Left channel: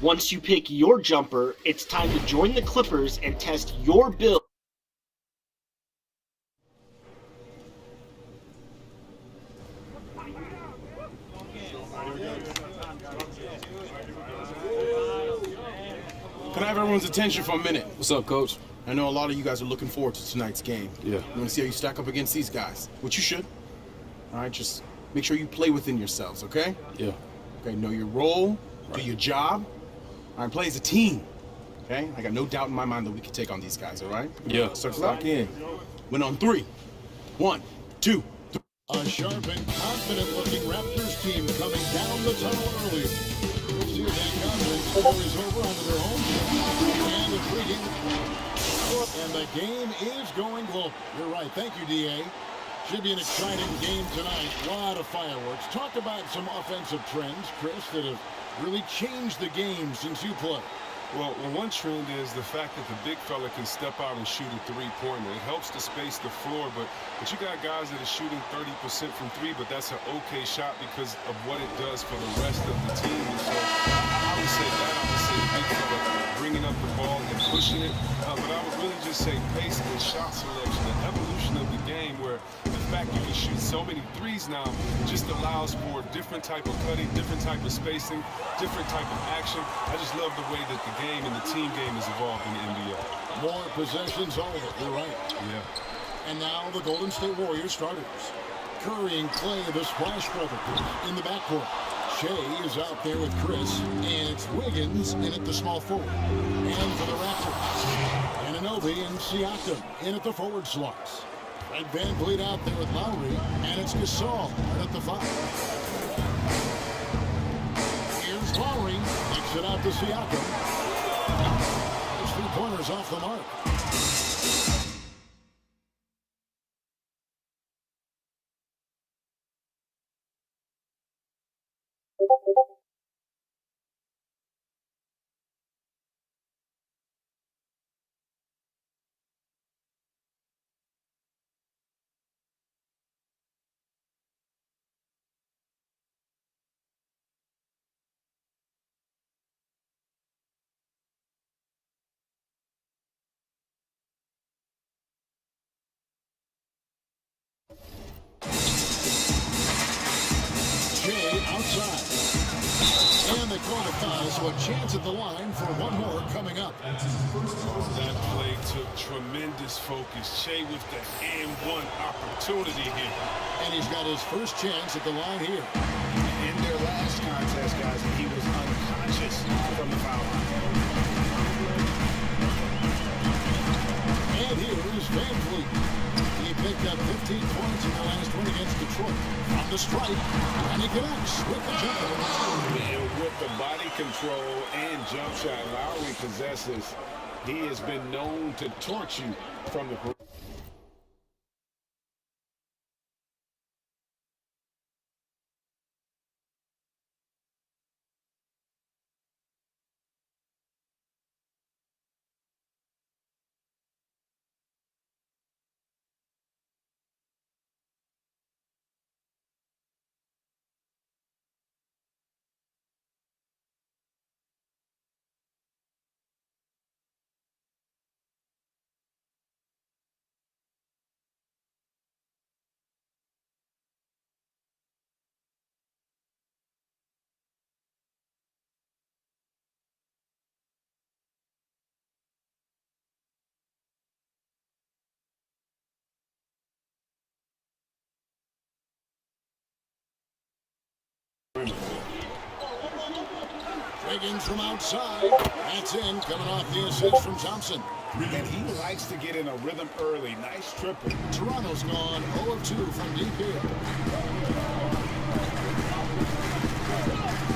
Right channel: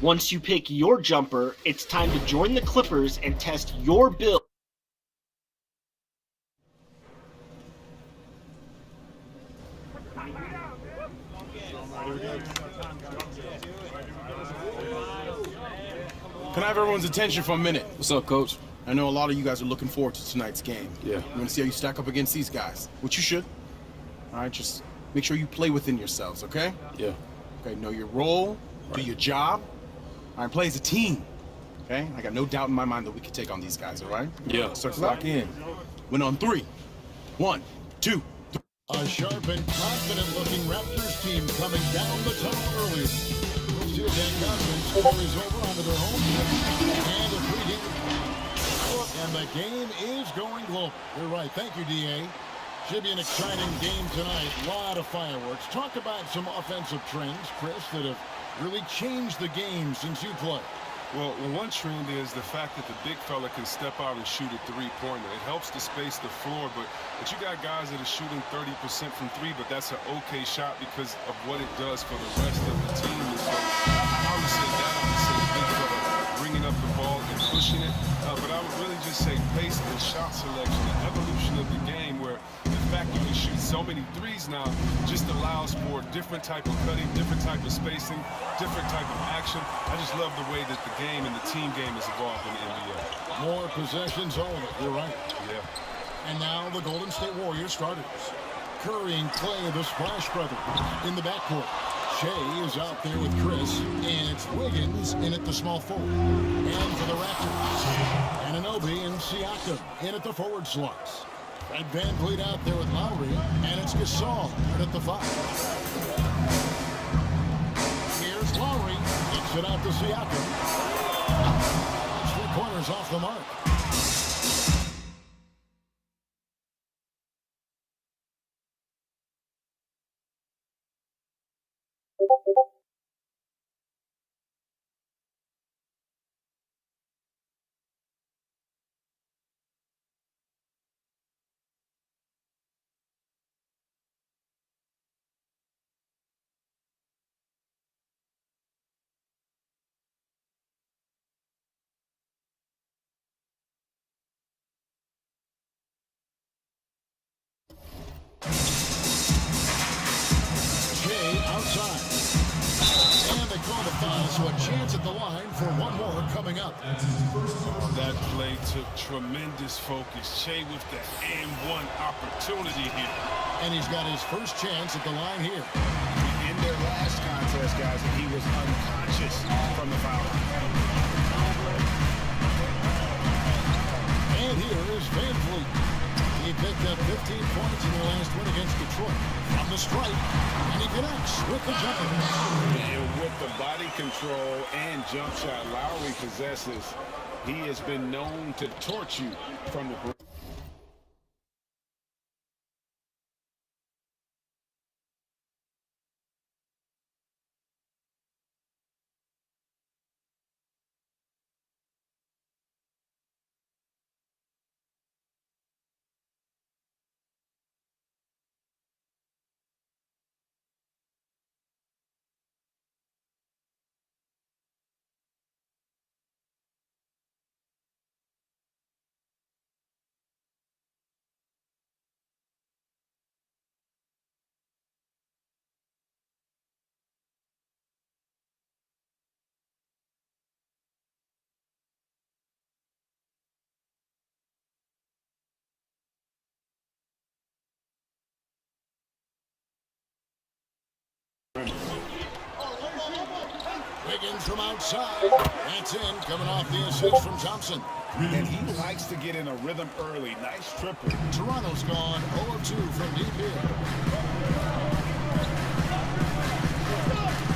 Once you pick your jumper, it's time to join the Clippers and test your build. Can I have everyone's attention for a minute? What's up, Coach? I know a lot of you guys are looking forward to tonight's game. Yeah. You want to see how you stack up against these guys, which you should. All right, just make sure you play within yourselves, okay? Yeah. Okay, know your role, do your job. All right, play as a team, okay? I got no doubt in my mind that we can take on these guys, all right? Yeah. Start lock in. Win on 3. 1, 2, 3. A sharp and confident-looking Raptors team coming down the tunnel early. We'll see if that confidence carries over onto their home team. And a pregame. And the game is going global. You're right. Thank you, D.A. Should be an exciting game tonight. A lot of fireworks. Talk about some offensive trends, Chris, that have really changed the game since you played. Well, one trend is the fact that the big fella can step out and shoot a three-pointer. It helps to space the floor, but you got guys that are shooting 30% from three, but that's an okay shot because of what it does for the rest of the team. And so I would say that. I would say the big fella bringing up the ball and pushing it. But I would really just say pace and shot selection, the evolution of the game where the fact you can shoot so many threes now just allows for different type of cutting, different type of spacing, different type of action. I just love the way that the game and the team game has evolved in the NBA. More possessions over. You're right. Yeah. And now the Golden State Warriors starters. Curry and Clay, the Splash Brothers, in the backcourt. Shea is out there with Chris, and it's Wiggins in at the small forward. And for the Raptors, Anunoby and Siakam in at the forward slots. Fred VanVleet out there with Lowry, and it's Gasol at the 5. Here's Lowry, kicks it out to Siakam. Those three-pointers off the mark. Shea outside. And they call the foul, so a chance at the line for one more coming up. Oh, that play took tremendous focus. Shea with the and one opportunity here. And he's got his first chance at the line here. In their last contest, guys, he was unconscious from the foul line. And here is VanVleet. He picked up 15 points in their last win against Detroit. From the stripe, and he connects with the jumper. And with the body control and jump shot Lowry possesses, he has been known to torch you from the Wiggins from outside. That's in, coming off the assist from Thompson. And he likes to get in a rhythm early. Nice triple. Toronto's gone 0 of 2 from deep here.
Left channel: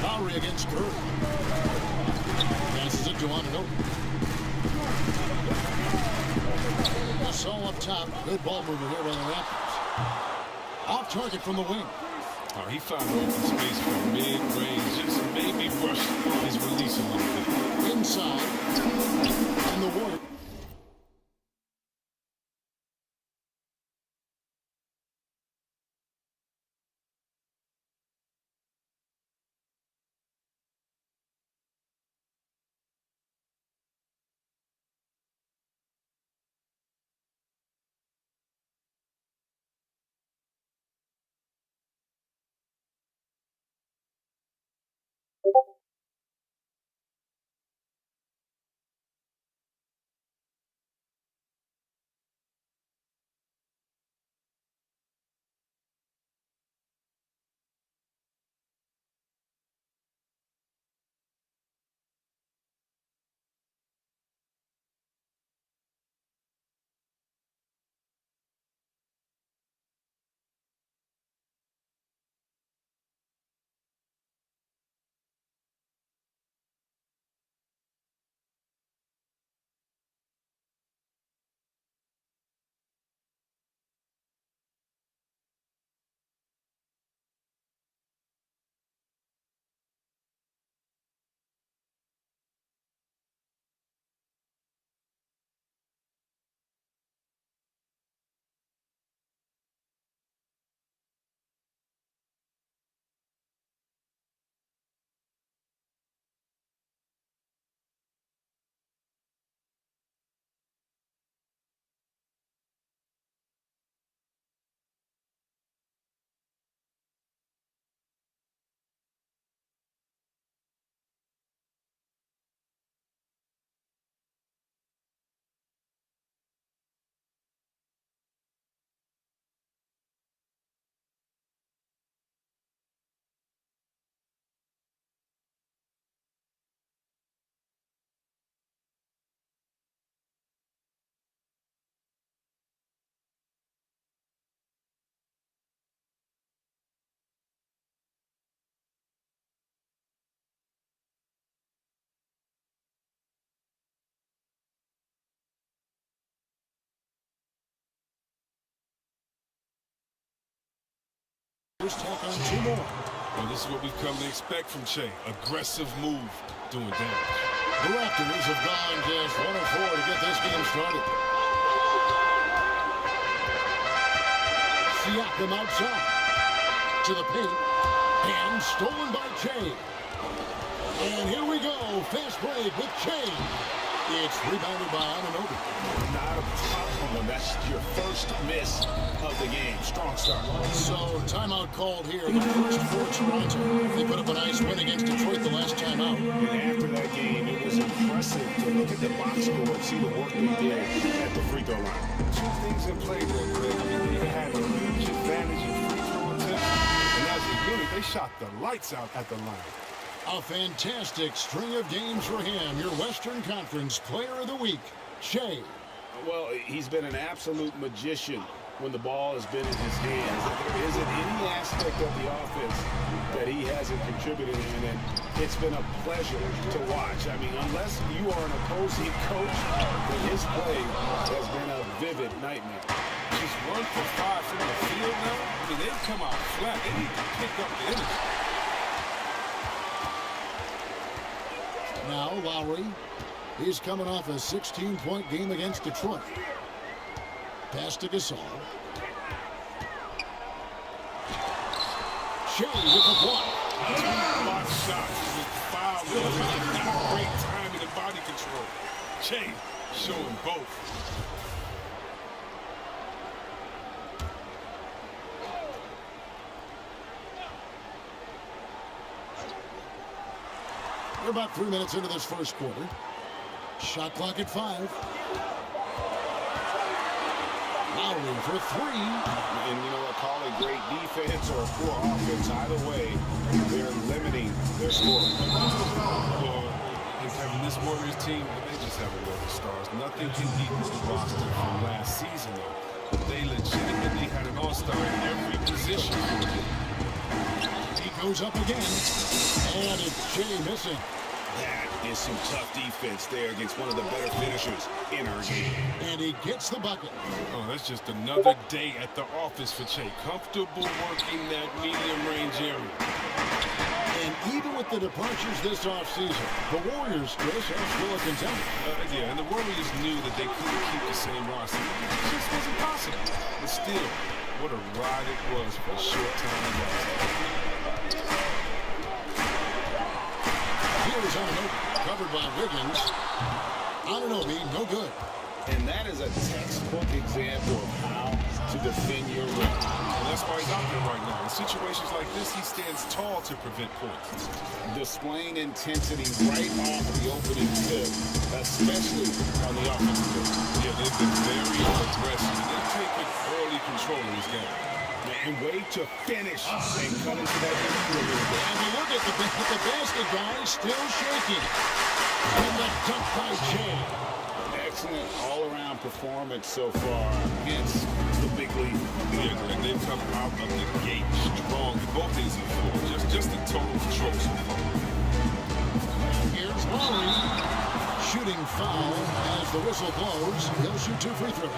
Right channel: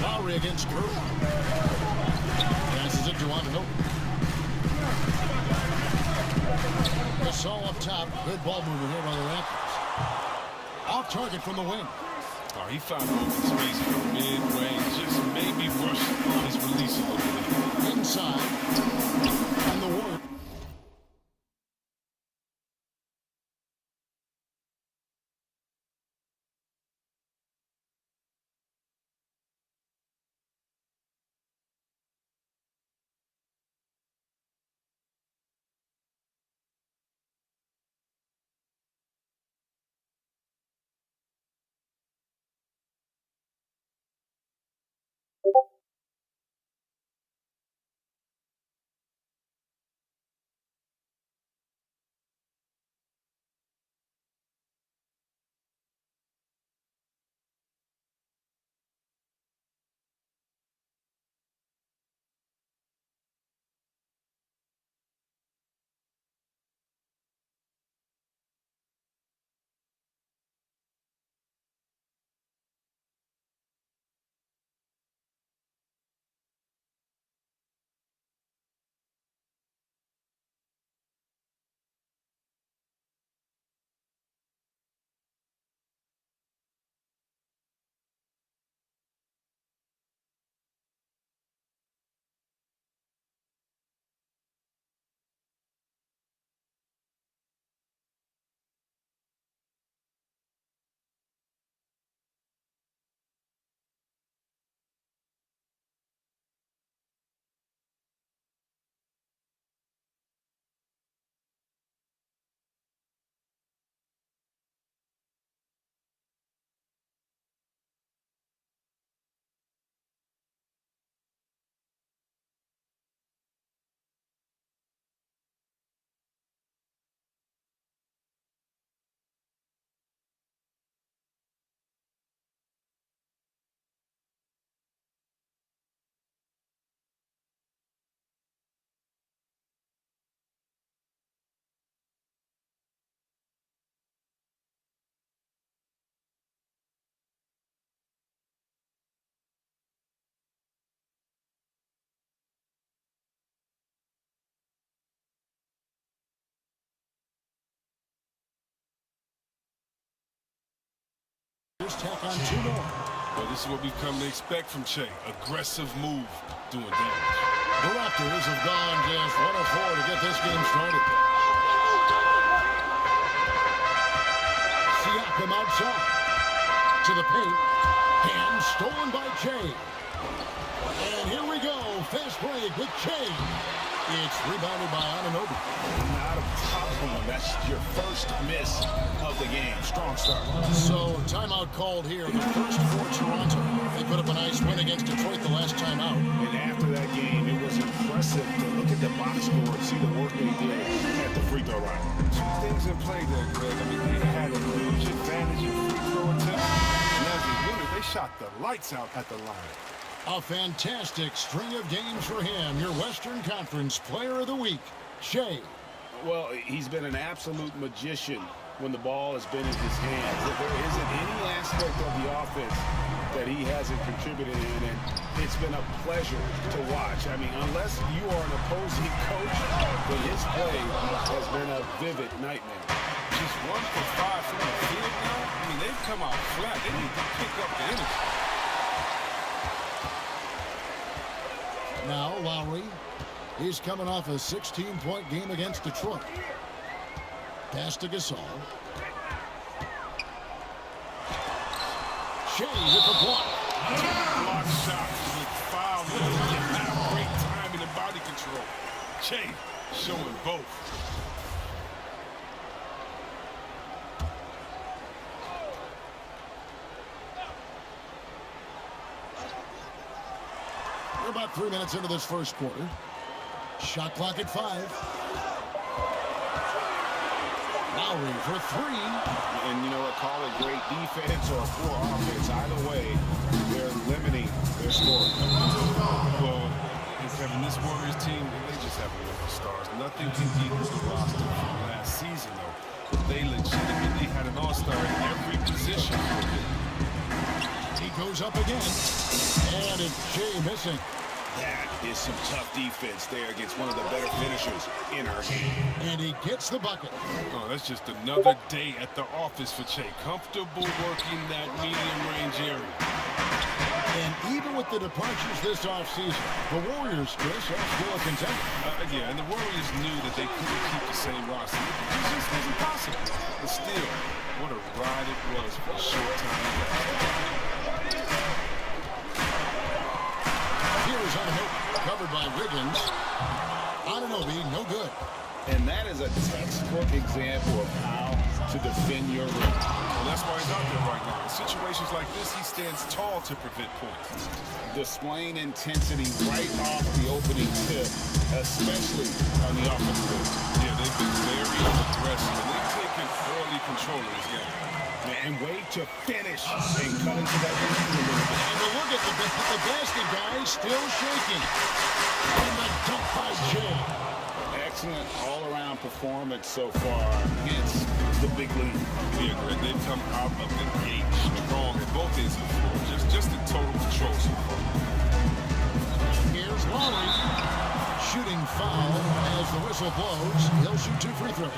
Lowry against Curry. Passes it to Anunoby. Gasol up top. Good ball movement here by the Raptors. Off target from the wing. Oh, he found open space from mid-range. Just maybe rush his release a little bit. Inside. And the Warriors. Here's tack on 2 more. Well, this is what we've come to expect from Che. Aggressive move, doing damage. The Raptors have gone just 1 of 4 to get this game started. Siakam outside. To the paint. And stolen by Che. And here we go. Fast break with Che. It's rebounded by Anunoby. Not a problem when that's your first miss of the game. Strong start. So, timeout called here. The first for Toronto. They put up a nice win against Detroit the last time out. And after that game, it was impressive to look at the box score and see the work they did at the free throw line. 2 things in play there, Greg. I mean, they had a huge advantage in free throw attempts, and as a unit, they shot the lights out at the line. A fantastic string of games for him. Your Western Conference Player of the Week, Che. Well, he's been an absolute magician when the ball has been in his hands. There isn't any aspect of the offense that he hasn't contributed in, and it's been a pleasure to watch. I mean, unless you are an opposing coach, then his play has been a vivid nightmare. Just 1 for 5 from the field now. I mean, they've come out flat. They need to pick up the energy. Now Lowry. He's coming off a 16-point game against Detroit. Pass to Gasol. Che with the block. Block shots with foul. Have great timing and body control. Che showing both. We're about 3 minutes into this first quarter. Shot clock at 5. Lowry for 3. And you know what, call it great defense or poor offense. Either way, they're limiting their scoring. Well, Kevin, this Warriors team, they just have a lot of stars. Nothing can equal the roster from last season, though. They legitimately had an all-star in every position for them. He goes up again. And it's Che missing. That is some tough defense there against one of the better finishers in our game. And he gets the bucket. Oh, that's just another day at the office for Che. Comfortable working that medium range area. And even with the departures this offseason, the Warriors, Chris, are still a contender. Yeah, and the Warriors knew that they couldn't keep the same roster. It just wasn't possible. But still, what a ride it was for a short time to last. Here's Anunoby, covered by Wiggins. Anunoby, no good. And that is a textbook example of how to defend your rim. And that's why he's out there right now. In situations like this, he stands tall to prevent points. Displaying intensity right off the opening tip, especially on the offensive end. Yeah, they've been very aggressive, and they've taken early control of this game. And way to finish and cut into that lead a little bit. And we look at the basket, guys, still shaking. And the dunk by Che. Excellent all-around performance so far against the big lead. Yeah, Greg, they've come out of the gate strong at both ends of the floor. Just in total control so far. Here's Lowry. Shooting foul as the whistle blows. He'll shoot 2 free throws.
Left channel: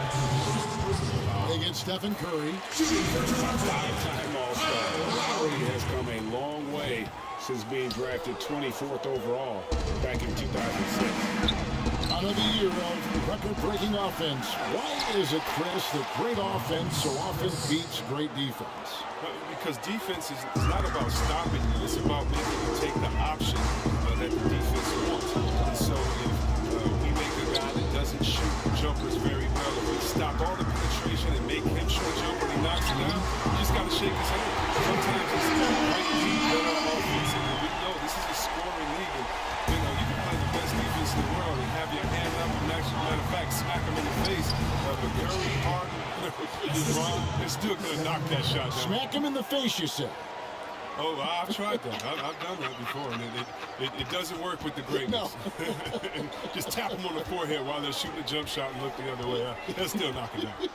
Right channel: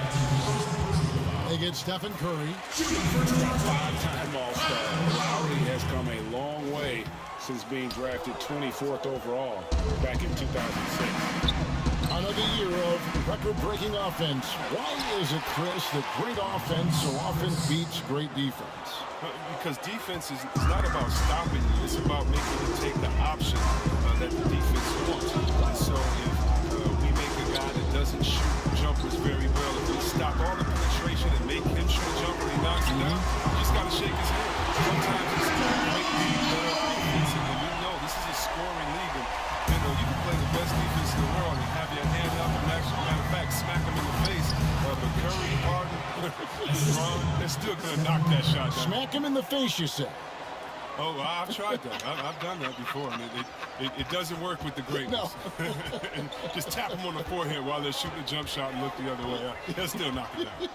They get Stephen Curry. A 5-time All-Star. Lowry has come a long way since being drafted 24th overall back in 2006. Another year of record-breaking offense. Why is it, Chris, that great offense so often beats great defense? Because defense is not about stopping you. It's about making you take the option that the defense wants. And so if we make a guy that doesn't shoot jumpers very well, if we stop all the penetration and make him shoot a jumper and he knocks it down, you just got to shake his hand. Sometimes it's great defense, better offense, and we know this is a scoring league. And you know, you can play the best defense in the world and have your hand up and actually, matter of fact, smack him in the face. But Curry, Harden, LeBron, they're still going to knock that shot down. Smack him in the face, you say? Oh, I've tried that. I've done that before, and it doesn't work with the great ones. No. Just tap them on the forehead while they're shooting a jump shot and look the other way. They'll still knock it down.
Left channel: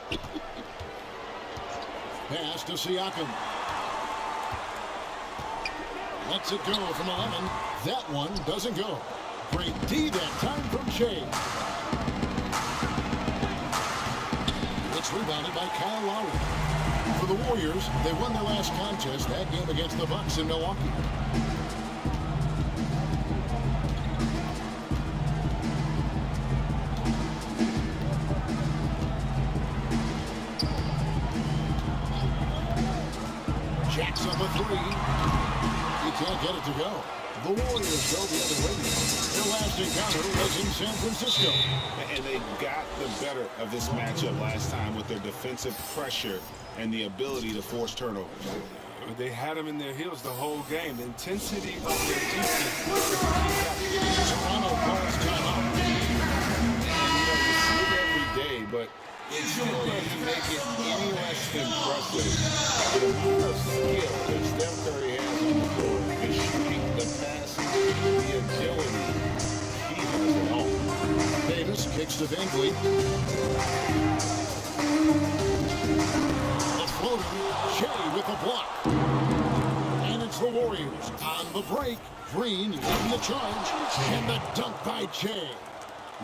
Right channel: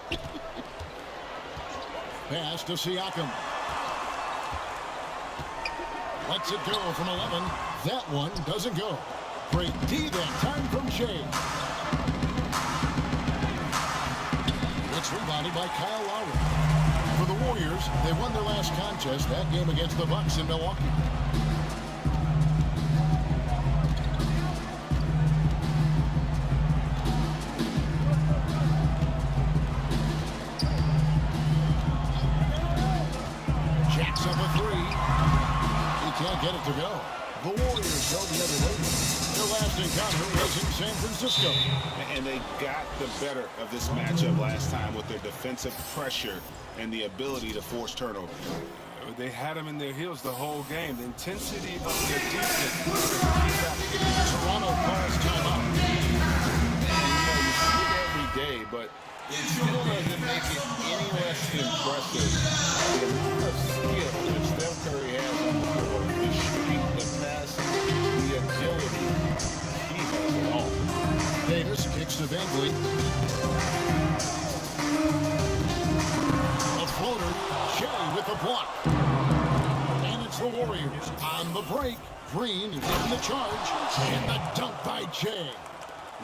Pass to Siakam. Lets it go from 11. That one doesn't go. Great D that time from Che. It's rebounded by Kyle Lowry. For the Warriors, they won their last contest, that game against the Bucks in Milwaukee. Jacks up a three. He can't get it to go. The Warriors go the other way. Their last encounter was in San Francisco. And they got the better of this matchup last time with their defensive pressure and the ability to force turnovers. They had them in their heels the whole game. The intensity of their defense. Toronto calls timeout. And you see it every day, but it still doesn't make it any less impressive. The amount of skill that Steph Curry has on the floor, the shooting, the passing, the agility, he has it all. Davis kicks to Van Vliet. A floater, Shea with the block. And it's the Warriors on the break. Green leading the charge, and the dunk by Shea.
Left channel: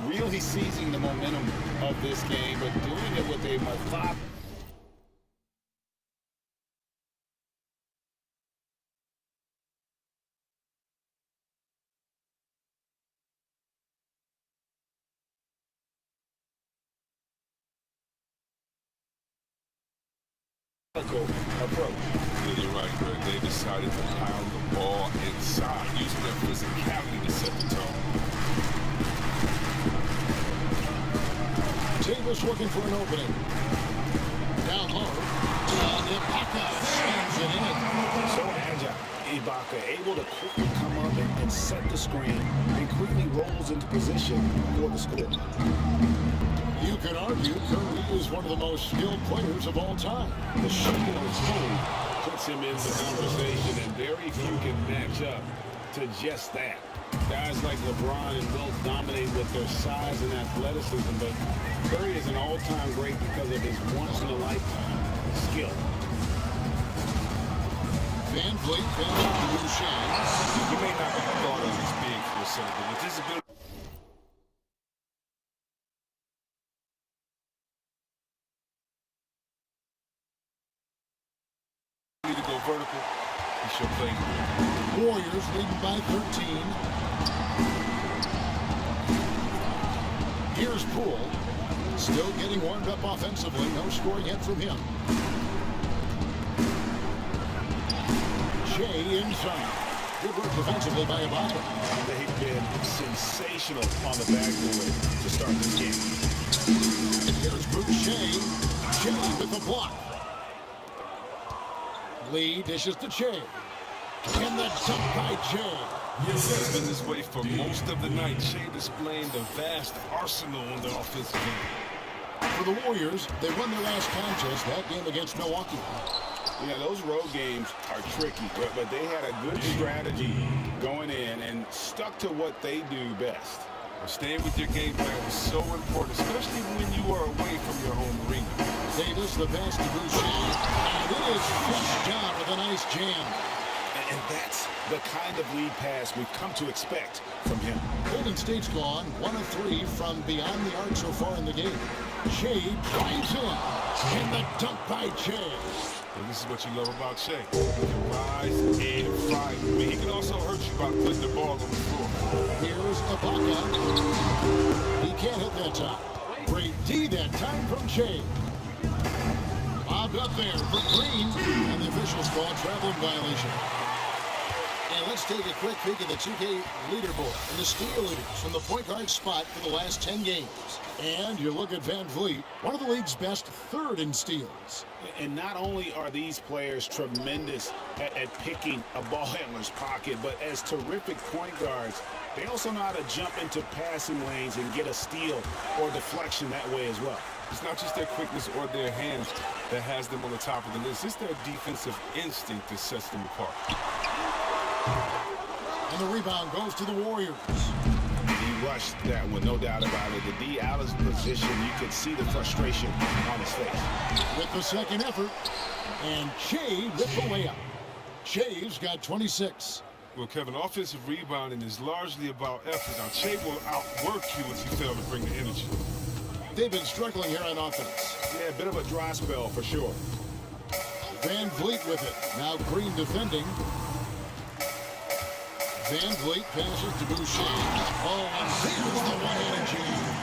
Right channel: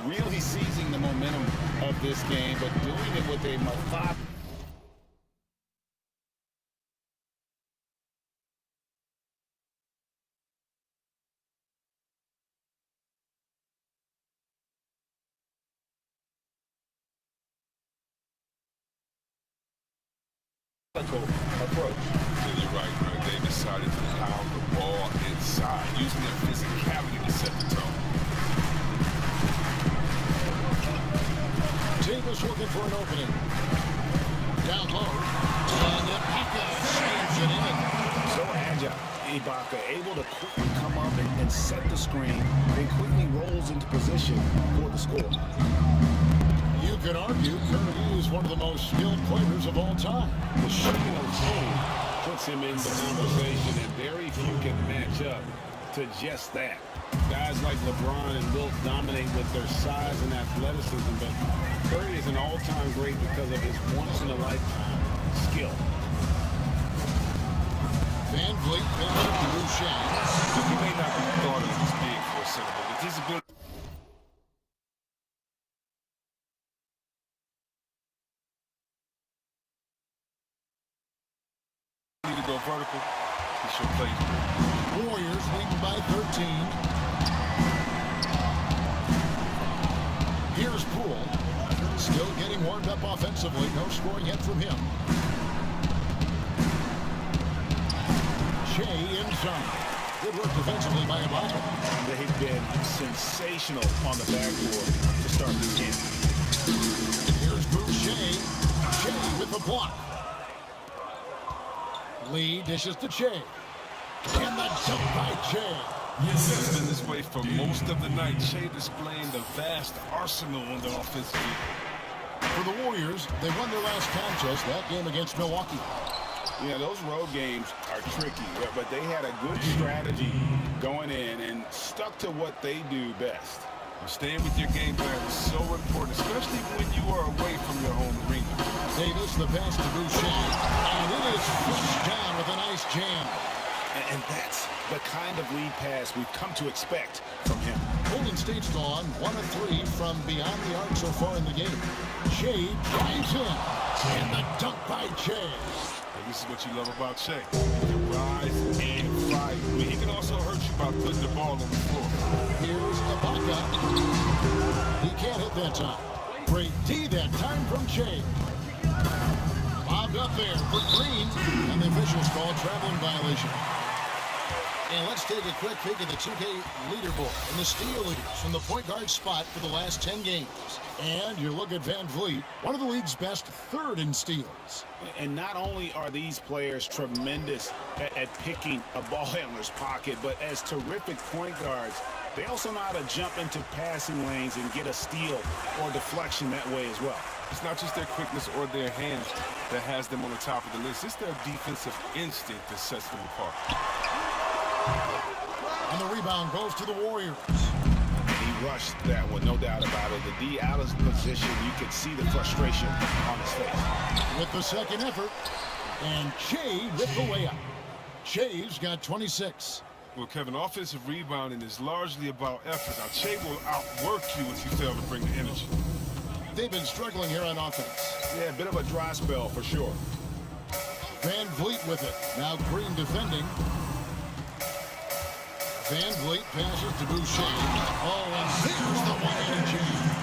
Really seizing the momentum of this game, but doing it with a methodical. Approach. Yeah, you're right, Greg. They decided to pound the ball inside, using their physicality to set the tone. Davis looking for an opening. Down low. And Ibaka slams it in. So agile. Ibaka able to quickly come up and set the screen, then quickly rolls into position for the score. You could argue Curry is one of the most skilled players of all time. The shooting alone puts him in the conversation, and very few can match up to just that. Guys like LeBron and Wilt dominate with their size and athleticism, but Curry is an all-time great because of his once-in-a-lifetime skill. Van Vliet pins up to Boucher. He may not be thought of as big for a center, but with his ability to go vertical, he sure plays good. Warriors leading by 13. Here's Poole. Still getting warmed up offensively. No scoring yet from him. Shea inside. Good work defensively by Ibaka. They've been sensational on the backboard to start this game. Here's Boucher. Shea with the block. Lee dishes to Shea. And the dunk by Shea. It's been this way for most of the night. Shea displaying the vast arsenal on the offensive end. For the Warriors, they won their last contest, that game against Milwaukee. Yeah, those road games are tricky, but they had a good strategy going in and stuck to what they do best. Well, staying with your game plan is so important, especially when you are away from your home arena. Davis, the pass to Boucher, and it is flushed down with a nice jam. And that's the kind of lead pass we've come to expect from him. Golden State's gone 1 of 3 from beyond the arc so far in the game. Shea drives in, and the dunk by Shea. Well, this is what you love about Shea. He can rise and fight. I mean, he can also hurt you by putting the ball on the floor. Here's Ibaka. He can't hit that time. Great D that time from Shea. Bobbed up there for Green, and the officials call traveling violation. And let's take a quick peek at the 2K leaderboard and the steal leaders from the point guard spot for the last 10 games. And you look at Van Vliet, one of the league's best third in steals. And not only are these players tremendous at picking a ball handler's pocket, but as terrific point guards, they also know how to jump into passing lanes and get a steal or deflection that way as well. It's not just their quickness or their hands that has them on the top of the list. It's their defensive instinct that sets them apart. And the rebound goes to the Warriors. And he rushed that one, no doubt about it. The D out of position, you could see the frustration on his face. With the second effort, and Shea with the layup. Shea's got 26. Well, Kevin, offensive rebounding is largely about effort. Now, Shea will outwork you if you fail to bring the energy. They've been struggling here on offense. Yeah, a bit of a dry spell for sure. Van Vliet with it. Now Green defending. Van Vliet passes to Boucher. Oh, and there's the one-handed jam.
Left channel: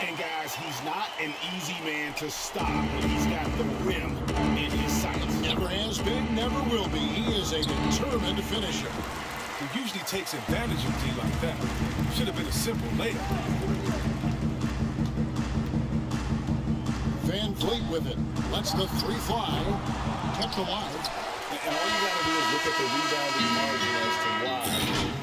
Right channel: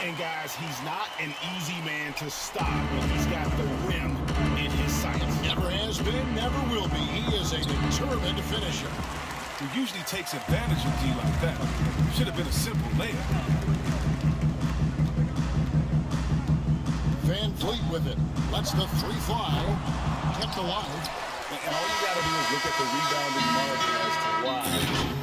And guys, he's not an easy man to stop when he's got the rim in his sights. Never has been, never will be. He is a determined finisher. He usually takes advantage of D like that. Should have been a simple layup. Van Vliet with it. Lets the three fly. Kept alive. And all you got to do is look at the rebounding margin as to why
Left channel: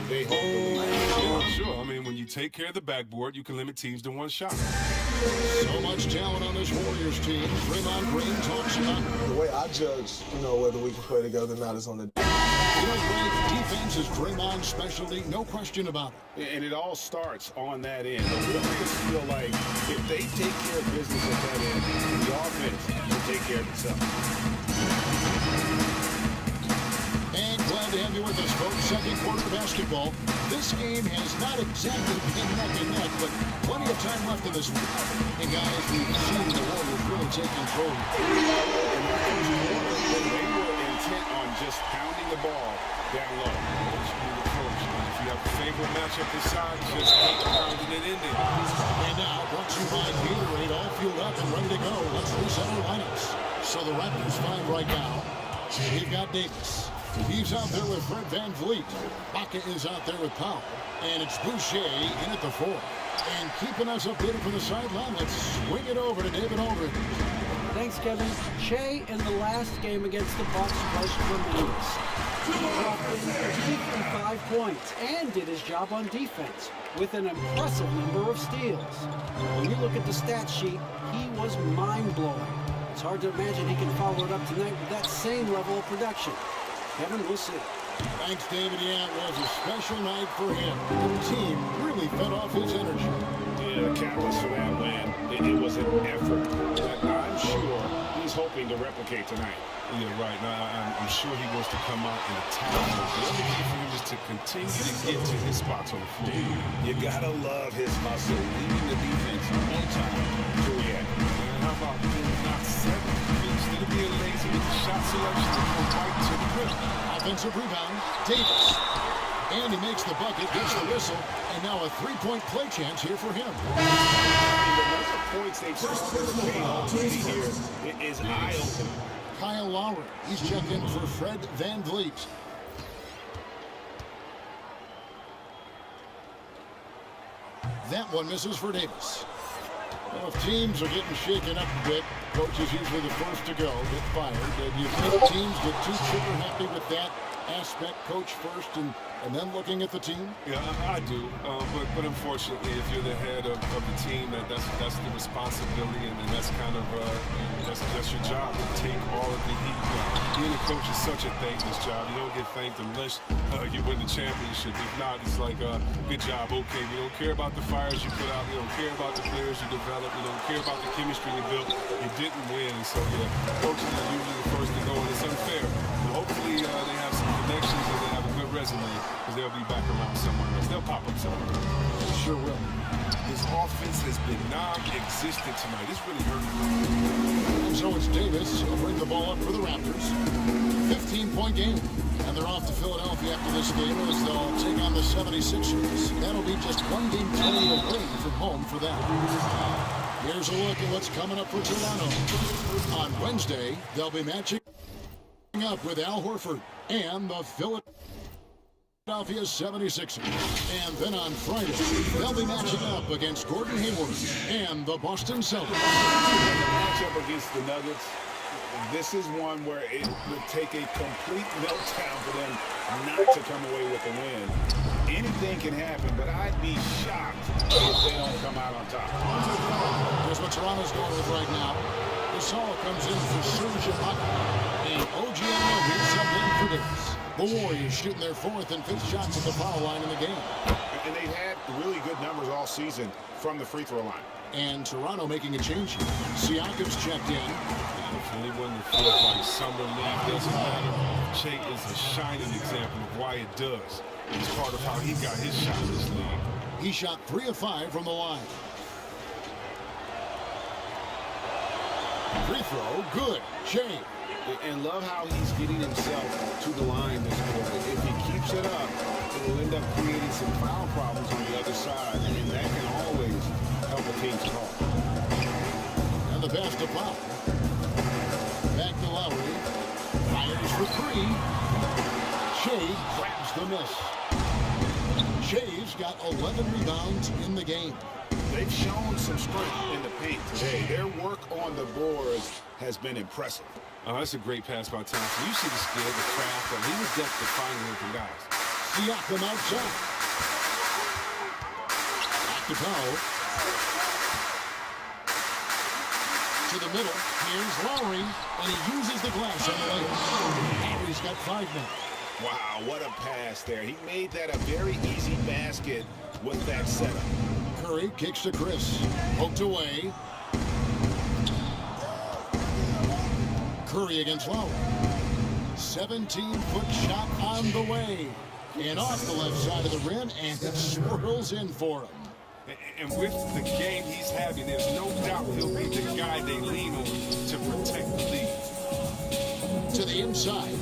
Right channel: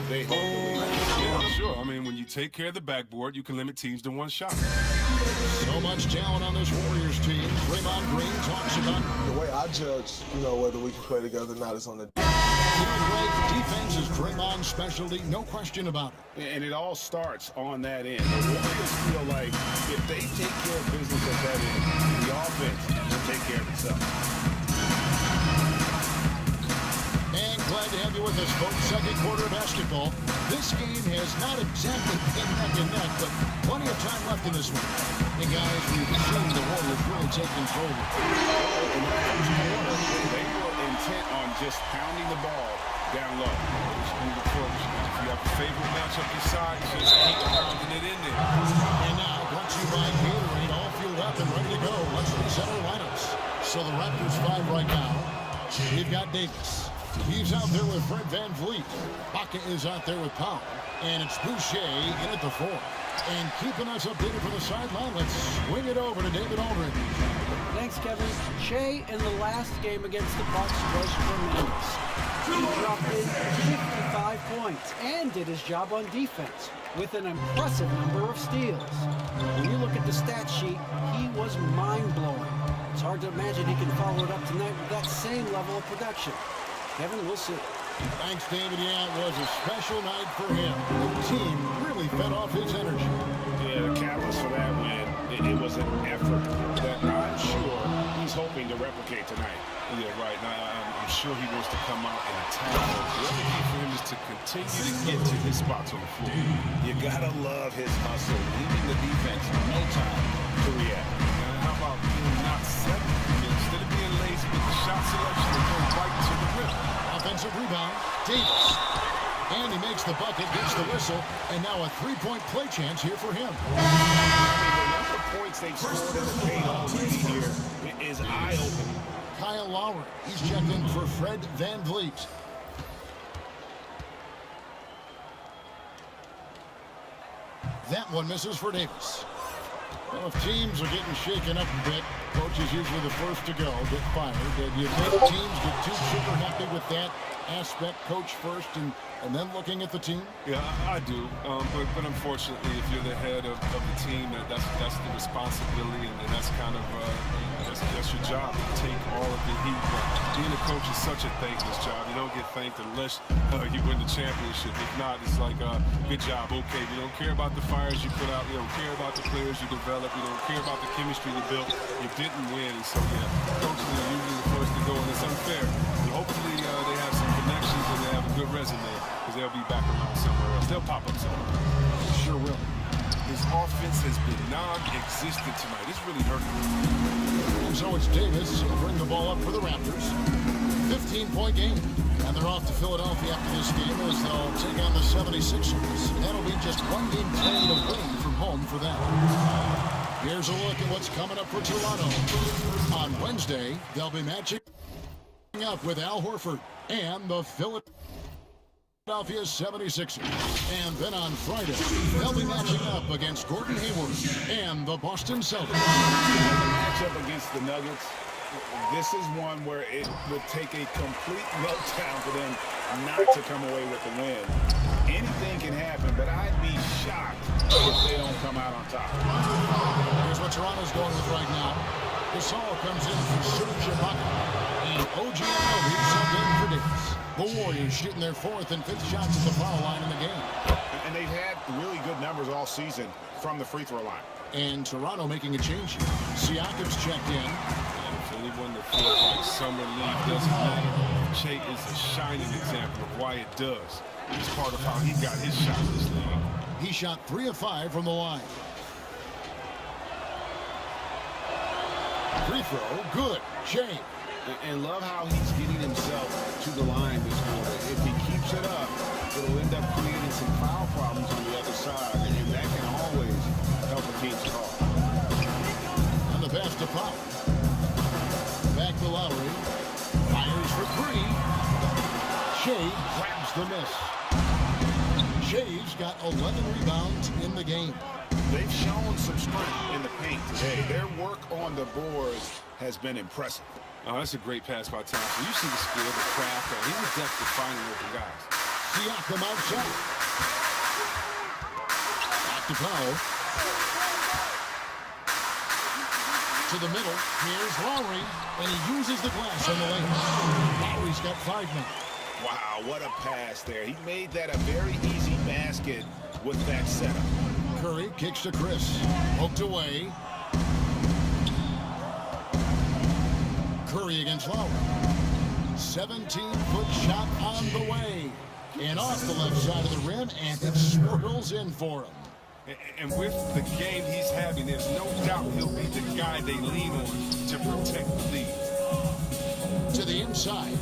they hold the lead. Yeah, sure. I mean, when you take care of the backboard, you can limit teams to one shot. So much talent on this Warriors team. Draymond Green talks about The way I judge, whether we can play together or not is on the. Greg, defense is Draymond's specialty, no question about it. And it all starts on that end. The Warriors feel like if they take care of business at that end, the offense will take care of itself. And glad to have you with us, folks. Second quarter of basketball. This game has not exactly been neck and neck, but plenty of time left in this one. And guys, we've seen the Warriors really take control. In that first quarter, they were intent on just pounding the ball down low. Old school approach. And if you have a favorable matchup inside, just keep pounding it in there. And now, brought to you by Gatorade, all fueled up and ready to go. Let's reset our lineups. So the Raptors 5 right now. We've got Davis. He's out there with Fred Van Vliet. Baca is out there with Powell. And it's Boucher in at the 4. And keeping us updated from the sideline, let's swing it over to David Aldridge. Thanks, Kevin. Shea in the last game against the Bucks was tremendous. He dropped in 55 points and did his job on defense with an impressive number of steals. When you look at the stat sheet, he was mind-blowing. It's hard to imagine he can follow it up tonight with that same level of production. Kevin, we'll see. Thanks, David. Yeah, it was a special night for him. The team really fed off his energy. Yeah, the catalyst for that win, it was an effort that I'm sure he's hoping to replicate tonight. Yeah, right. Now, I'm sure he wants to come out and attack. The other key for him is to continue to get to his spots on the floor. You gotta love his hustle, leaving the defense no time to react. And how about being not settled? Instead of being lazy with the shot selection, they go right to the rim. Offensive rebound, Davis. And he makes the bucket, gets the whistle, and now a three-point play chance here for him. I mean, the number of points they've scored in the paint already here is eye-opening. Kyle Lowry, he's checked in for Fred Van Vliet. That one misses for Davis. Well, if teams are getting shaken up a bit, coach is usually the first to go, get fired. Do you think teams get too trigger happy with that aspect, coach first and then looking at the team? Yeah, I do. But unfortunately, if you're the head of the team, that's the responsibility, and that's kind of that's your job to take all of the heat. Being a coach is such a thankless job. You don't get thanked unless you win the championship. If not, it's like good job, okay. We don't care about the fires you put out. We don't care about the players you develop. We don't care about the chemistry you built. You didn't win, and so yeah, coaches are usually the first to go, and it's unfair. But hopefully they have some connections and they have a good resume, because they'll be back around somewhere else. They'll pop up somewhere. Sure will. His offense has been non-existent tonight. It's really hurting. And so it's Davis. He'll bring the ball up for the Raptors. 15-point game. And they're off to Philadelphia after this game as they'll take on the 76ers. That'll be just one game played away from home for them. Here's a look at what's coming up for Toronto. On Wednesday, they'll be matching up with Al Horford and the Philadelphia 76ers. And then on Friday, they'll be matching up against Gordon Hayward and the Boston Celtics. The matchup against the Nuggets, this is one where it would take a complete meltdown for them not to come away with the win. Anything can happen, but I'd be shocked if they don't come out on top. Here's what Toronto's going with right now. Gasol comes in for Serge Ibaka. And OG Anunoby subbed in for Davis. The Warriors shooting their fourth and fifth shots at the foul line in the game. And they've had really good numbers all season from the free throw line. And Toronto making a change here. Siakam's checked in. And if anyone that feels like summer league doesn't matter, Che is a shining example of why it does. It's part of how he got his shot in this league. He shot 3 of 5 from the line. Free throw, good. Che. And love how he's getting himself to the line this quarter. If he keeps it up, it'll end up creating some foul problems on the other side, and that can always help a team's cause. And the pass to Powell. Back to Lowry. Fires for three. Shea grabs the miss. Shea's got 11 rebounds in the game. They've shown some strength in the paint today. Their work on the boards has been impressive. Oh, that's a great pass by Thompson. You see the skill, the craft. He's adept at finding open guys. Siakam outside. Back to Powell. To the middle. Here's Lowry, and he uses the glass on the layup. Lowry's got 5 now. Wow, what a pass there. He made that a very easy basket with that setup. Curry kicks to Chris. Poked away. Curry against Lowry. 17-foot shot on the way. And off the left side of the rim, and it swirls in for him. And with the game he's having, there's no doubt he'll be the guy they lean on to protect the lead. To the inside.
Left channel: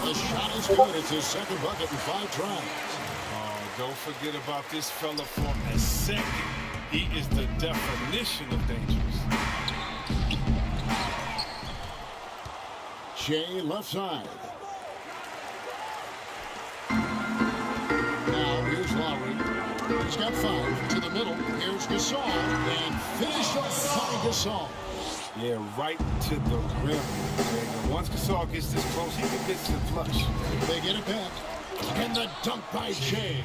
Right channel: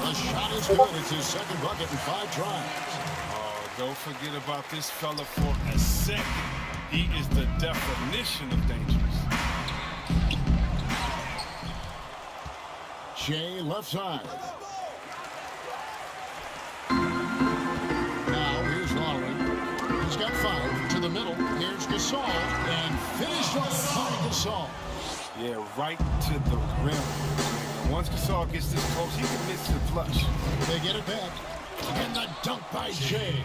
The shot is good. It's his second bucket in 5 tries. Oh, don't forget about this fella for a second. He is the definition of dangerous. Shea left side. Now here's Lowry. He's got 5 to the middle. Here's Gasol, and finished off by Gasol. Yeah, right to the rim. Once Gasol gets this close, he commits to flush. They get it back. And the dunk by Jay.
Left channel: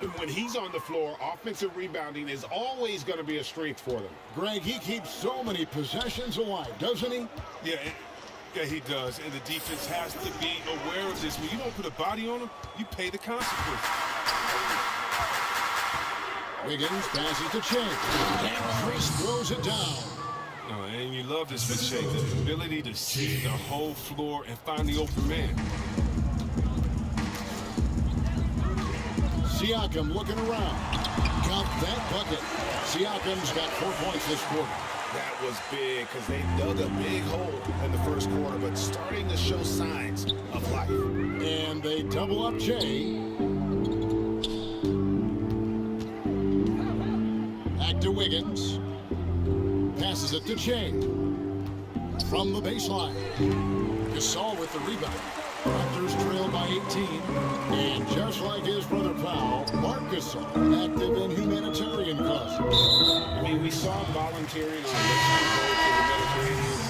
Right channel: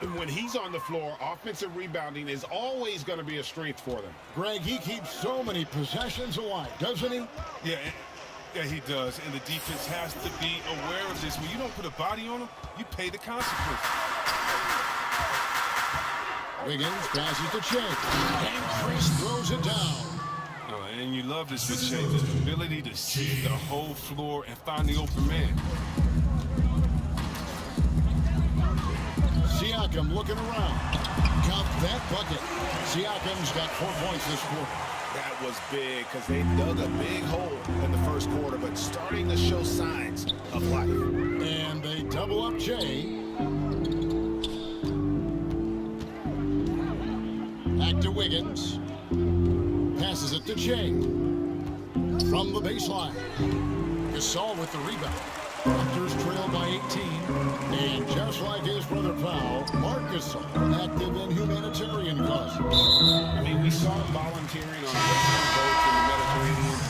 And when he's on the floor, offensive rebounding is always going to be a strength for them. Greg, he keeps so many possessions alive, doesn't he? Yeah, he does. And the defense has to be aware of this. When you don't put a body on him, you pay the consequence. Wiggins passes to Shea. And Chris throws it down. Oh, and you love this with Shea, the ability to see the whole floor and find the open man. Siakam looking around. Count that bucket. Siakam's got 4 points this quarter. That was big because they dug a big hole in the first quarter, but starting to show signs of life. And they double up Jay. Back to Wiggins. Passes it to Jay. From the baseline. Gasol with the rebound. Raptors trail by 18. And just like his brother Powell, Marc Gasol active in humanitarian causes. I mean, we saw him volunteering on rescue boats in the Mediterranean.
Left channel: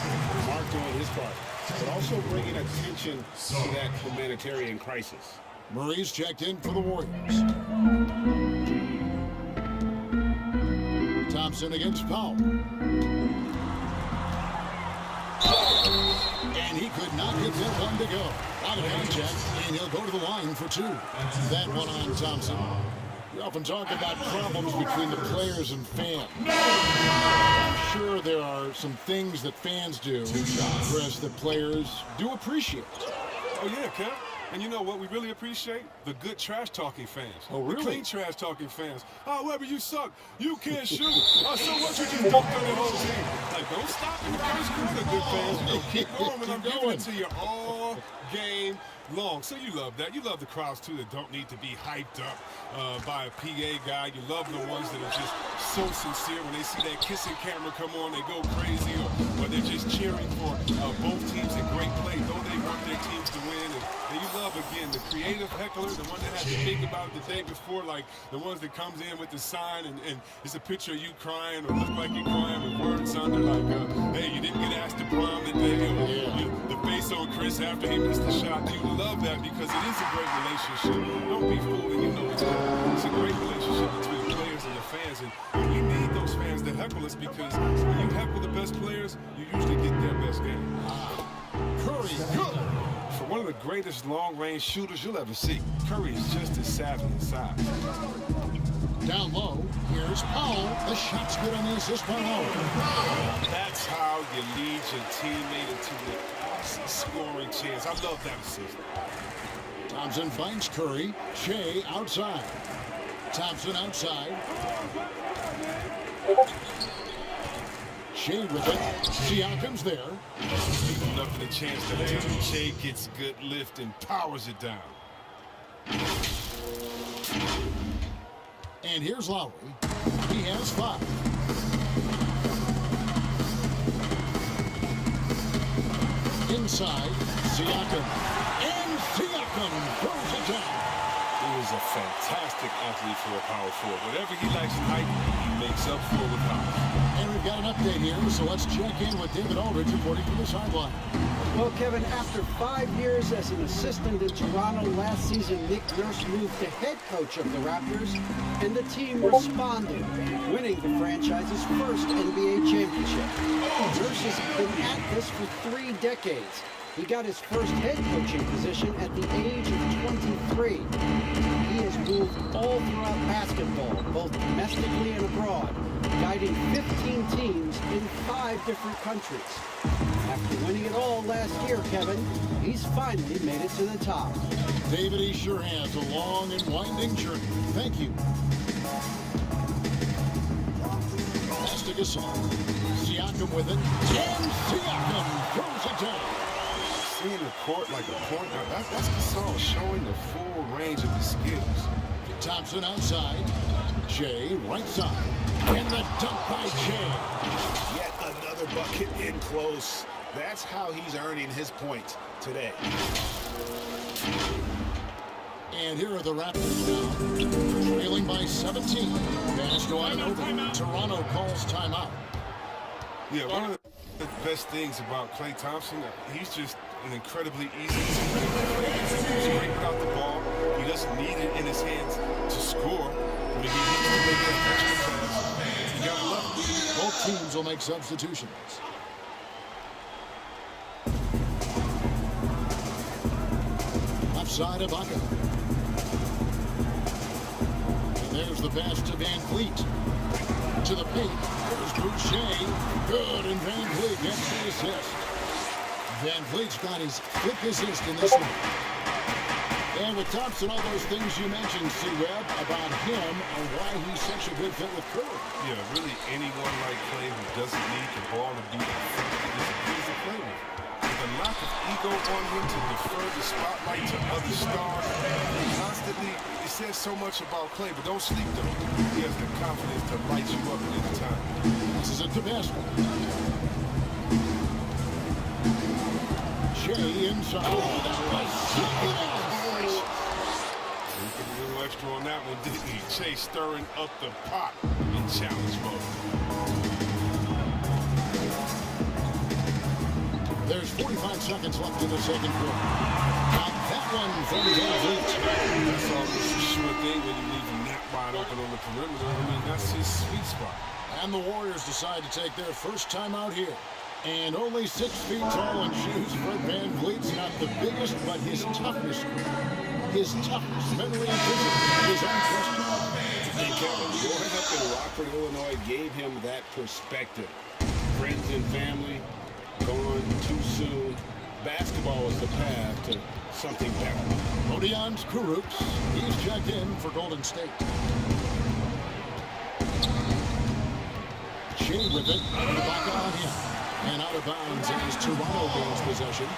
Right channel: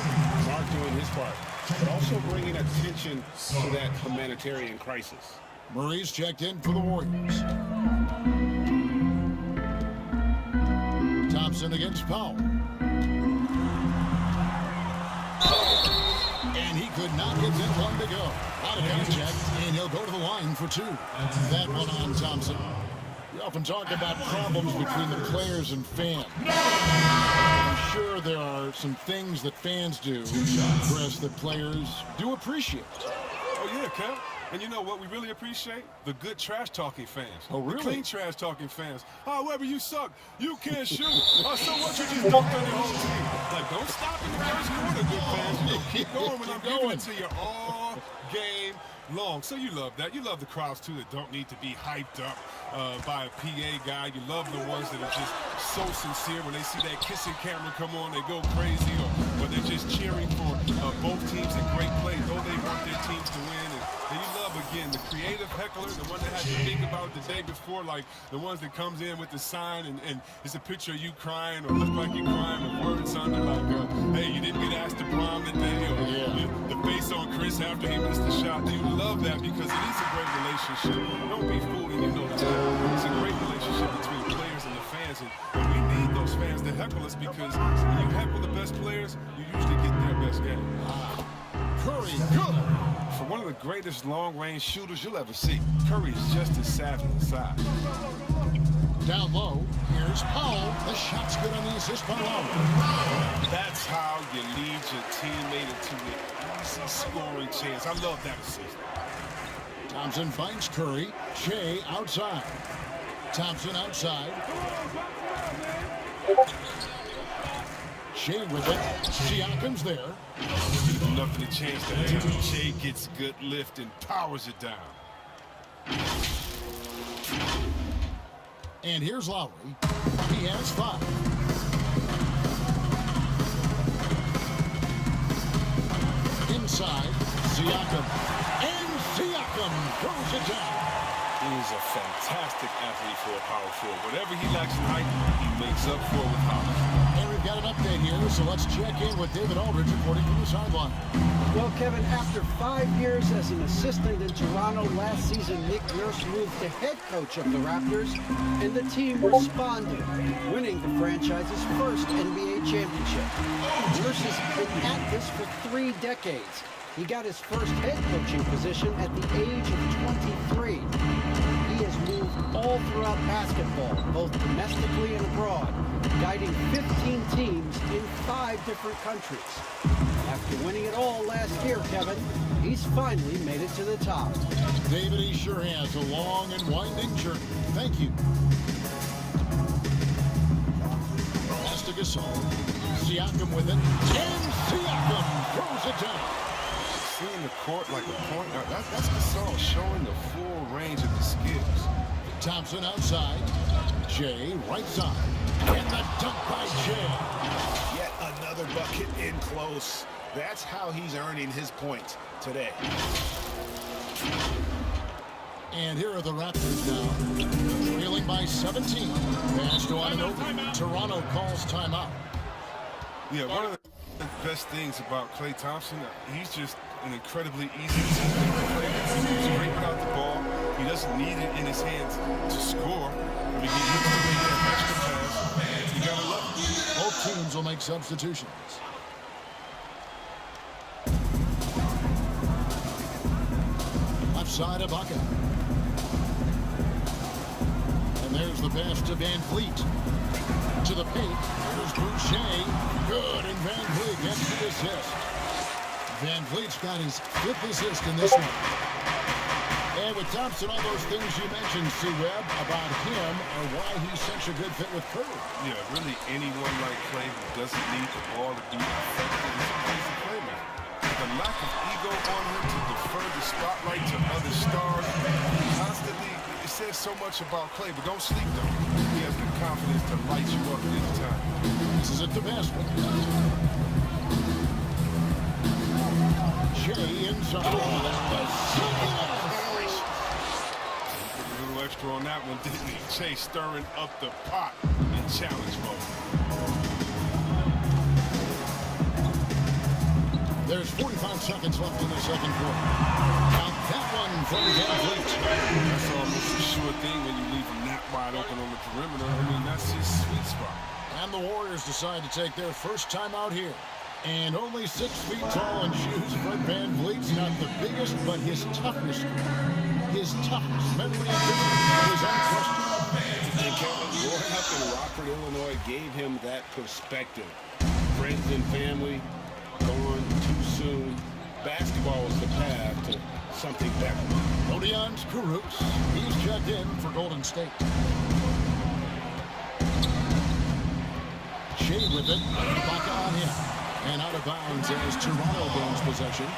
Marc doing his part, but also bringing attention to that humanitarian crisis. Murray's checked in for the Warriors. Thompson against Powell. And he could not get that one to go. Out of contact, and he'll go to the line for 2. That one on Thompson. We often talk about problems between the players and fans. I'm sure there are some things that fans do, Chris, that players do appreciate. Oh, yeah, Kev. And you know what we really appreciate? The good trash-talking fans. Oh, really? The clean trash-talking fans. Oh, Weber, you suck. You can't shoot. Oh, so what? You just dunked on your whole team. Like, don't stop in the first quarter, good fans. You know, keep going when I'm giving it to you all game long. So you love that. You love the crowds, too, that don't need to be hyped up by a PA guy. You love the ones that are just so sincere. When they see that kissing camera come on, they go crazy. Or they're just cheering for both teams in great play, though they want their teams to win. And you love, again, the creative heckler, the one that had to think about it the day before, like the ones that comes in with the sign and it's a picture of you crying or look like you're crying with words under, like, hey, you didn't get asked to prom today, or the face on Chris after he missed the shot. You love that because it is a great relationship. Don't be fooled, and you know this. It's a great relationship between the players and the fans, and we need those fans to heckle us because when you heckle the best players, you usually get their best game. Curry, good. For one of the greatest long-range shooters you'll ever see, Curry is just as savvy inside. Down low, here's Powell. The shot's good on the assist by Lowry. That's how you lead your teammate into an easy scoring chance. I love that assist. Thompson finds Curry. Shea outside. Thompson outside. Shea with it. Siakam's there. Leave nothing a chance that time. Shea gets a good lift and powers it down. And here's Lowry. He has 5. Inside, Siakam. And Siakam throws it down. He is a fantastic athlete for a power forward. Whatever he lacks in height, he makes up for with height. And we've got an update here, so let's check in with David Aldridge reporting from the sideline. Well, Kevin, after 5 years as an assistant in Toronto last season, Nick Nurse moved to head coach of the Raptors, and the team responded, winning the franchise's first NBA championship. Nurse has been at this for 3 decades. He got his first head coaching position at the age of 23. He has moved all throughout basketball, both domestically and abroad, guiding 15 teams in 5 different countries. After winning it all last year, Kevin, he's finally made it to the top. David, he sure has a long and winding journey. Thank you. Pass to Gasol. Siakam with it. And Siakam throws it down. Seeing the court like a point, now that's Gasol showing the full range of his skills. Thompson outside. Jay right side. And the dunk by Jay. Yet another bucket in close. That's how he's earning his points today. And here are the Raptors now, trailing by 17. Pass to Anunoby. Toronto calls timeout. Yeah, one of the best things about Klay Thompson, he's just an incredibly easy teammate to play with. He moves great without the ball. He doesn't need it in his hands to score. I mean, he needs to make that extra pass. You gotta love it. Both teams will make substitutions. Left side of Ibaka. And there's the pass to Van Vliet. To the paint. There's Boucher. Good, and Van Vliet gets the assist. Van Vliet's got his 5th assist in this one. And with Thompson, all those things you mentioned, C-Web, about him are why he's such a good fit with Curry. Yeah, really anyone like Klay who doesn't need the ball to be effective is a easy playmaker. The lack of ego on him to defer the spotlight to other stars constantly, it says so much about Klay, but don't sleep though. He has the confidence to light you up at any time. This is it to Basket. Jay inside. Oh, that was something else. He put a little extra on that one, didn't he? Jay stirring up the pot in challenge mode. There's 45 seconds left in the second quarter. Got that one from Van Vliet. That's almost a sure thing when you leave him that wide open on the perimeter. I mean, that's his sweet spot. And the Warriors decide to take their first time out here. And only 6 feet tall in shoes, Fred Van Vliet's not the biggest, but his toughness, mentally and physically, is unquestionable. And Kevin, growing up in Rockford, Illinois, gave him that perspective. Friends and family gone too soon. Basketball was the path to something better. Rodions Kurucs, he's checked in for Golden State. Shea with it, Ibaka on him. And out of bounds as Toronto gains possession.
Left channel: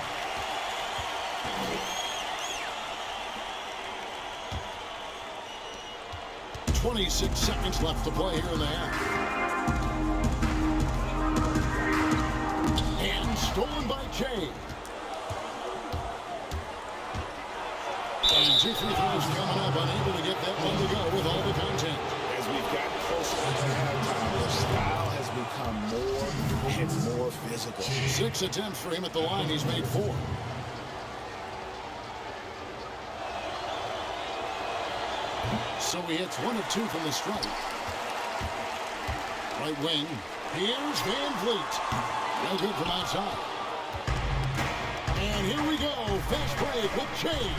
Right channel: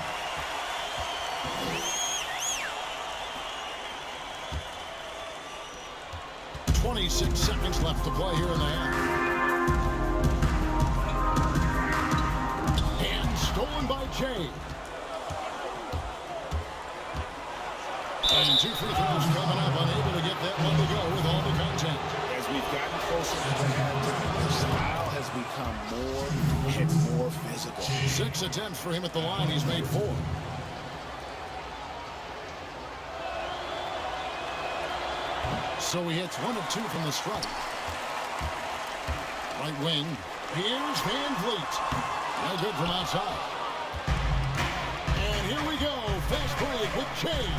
"26 seconds left to play here in the half. And stolen by Jay. And 2 free throws coming up, unable to get that one to go with all the content. As we've gotten closer to halftime, their style has become more and more physical. 6 attempts for him at the line. He's made 4. So he hits 1 of 2 from the stripe. Right wing. Here's Van Vliet. No good from outside. And here we go. Fast break with Jay.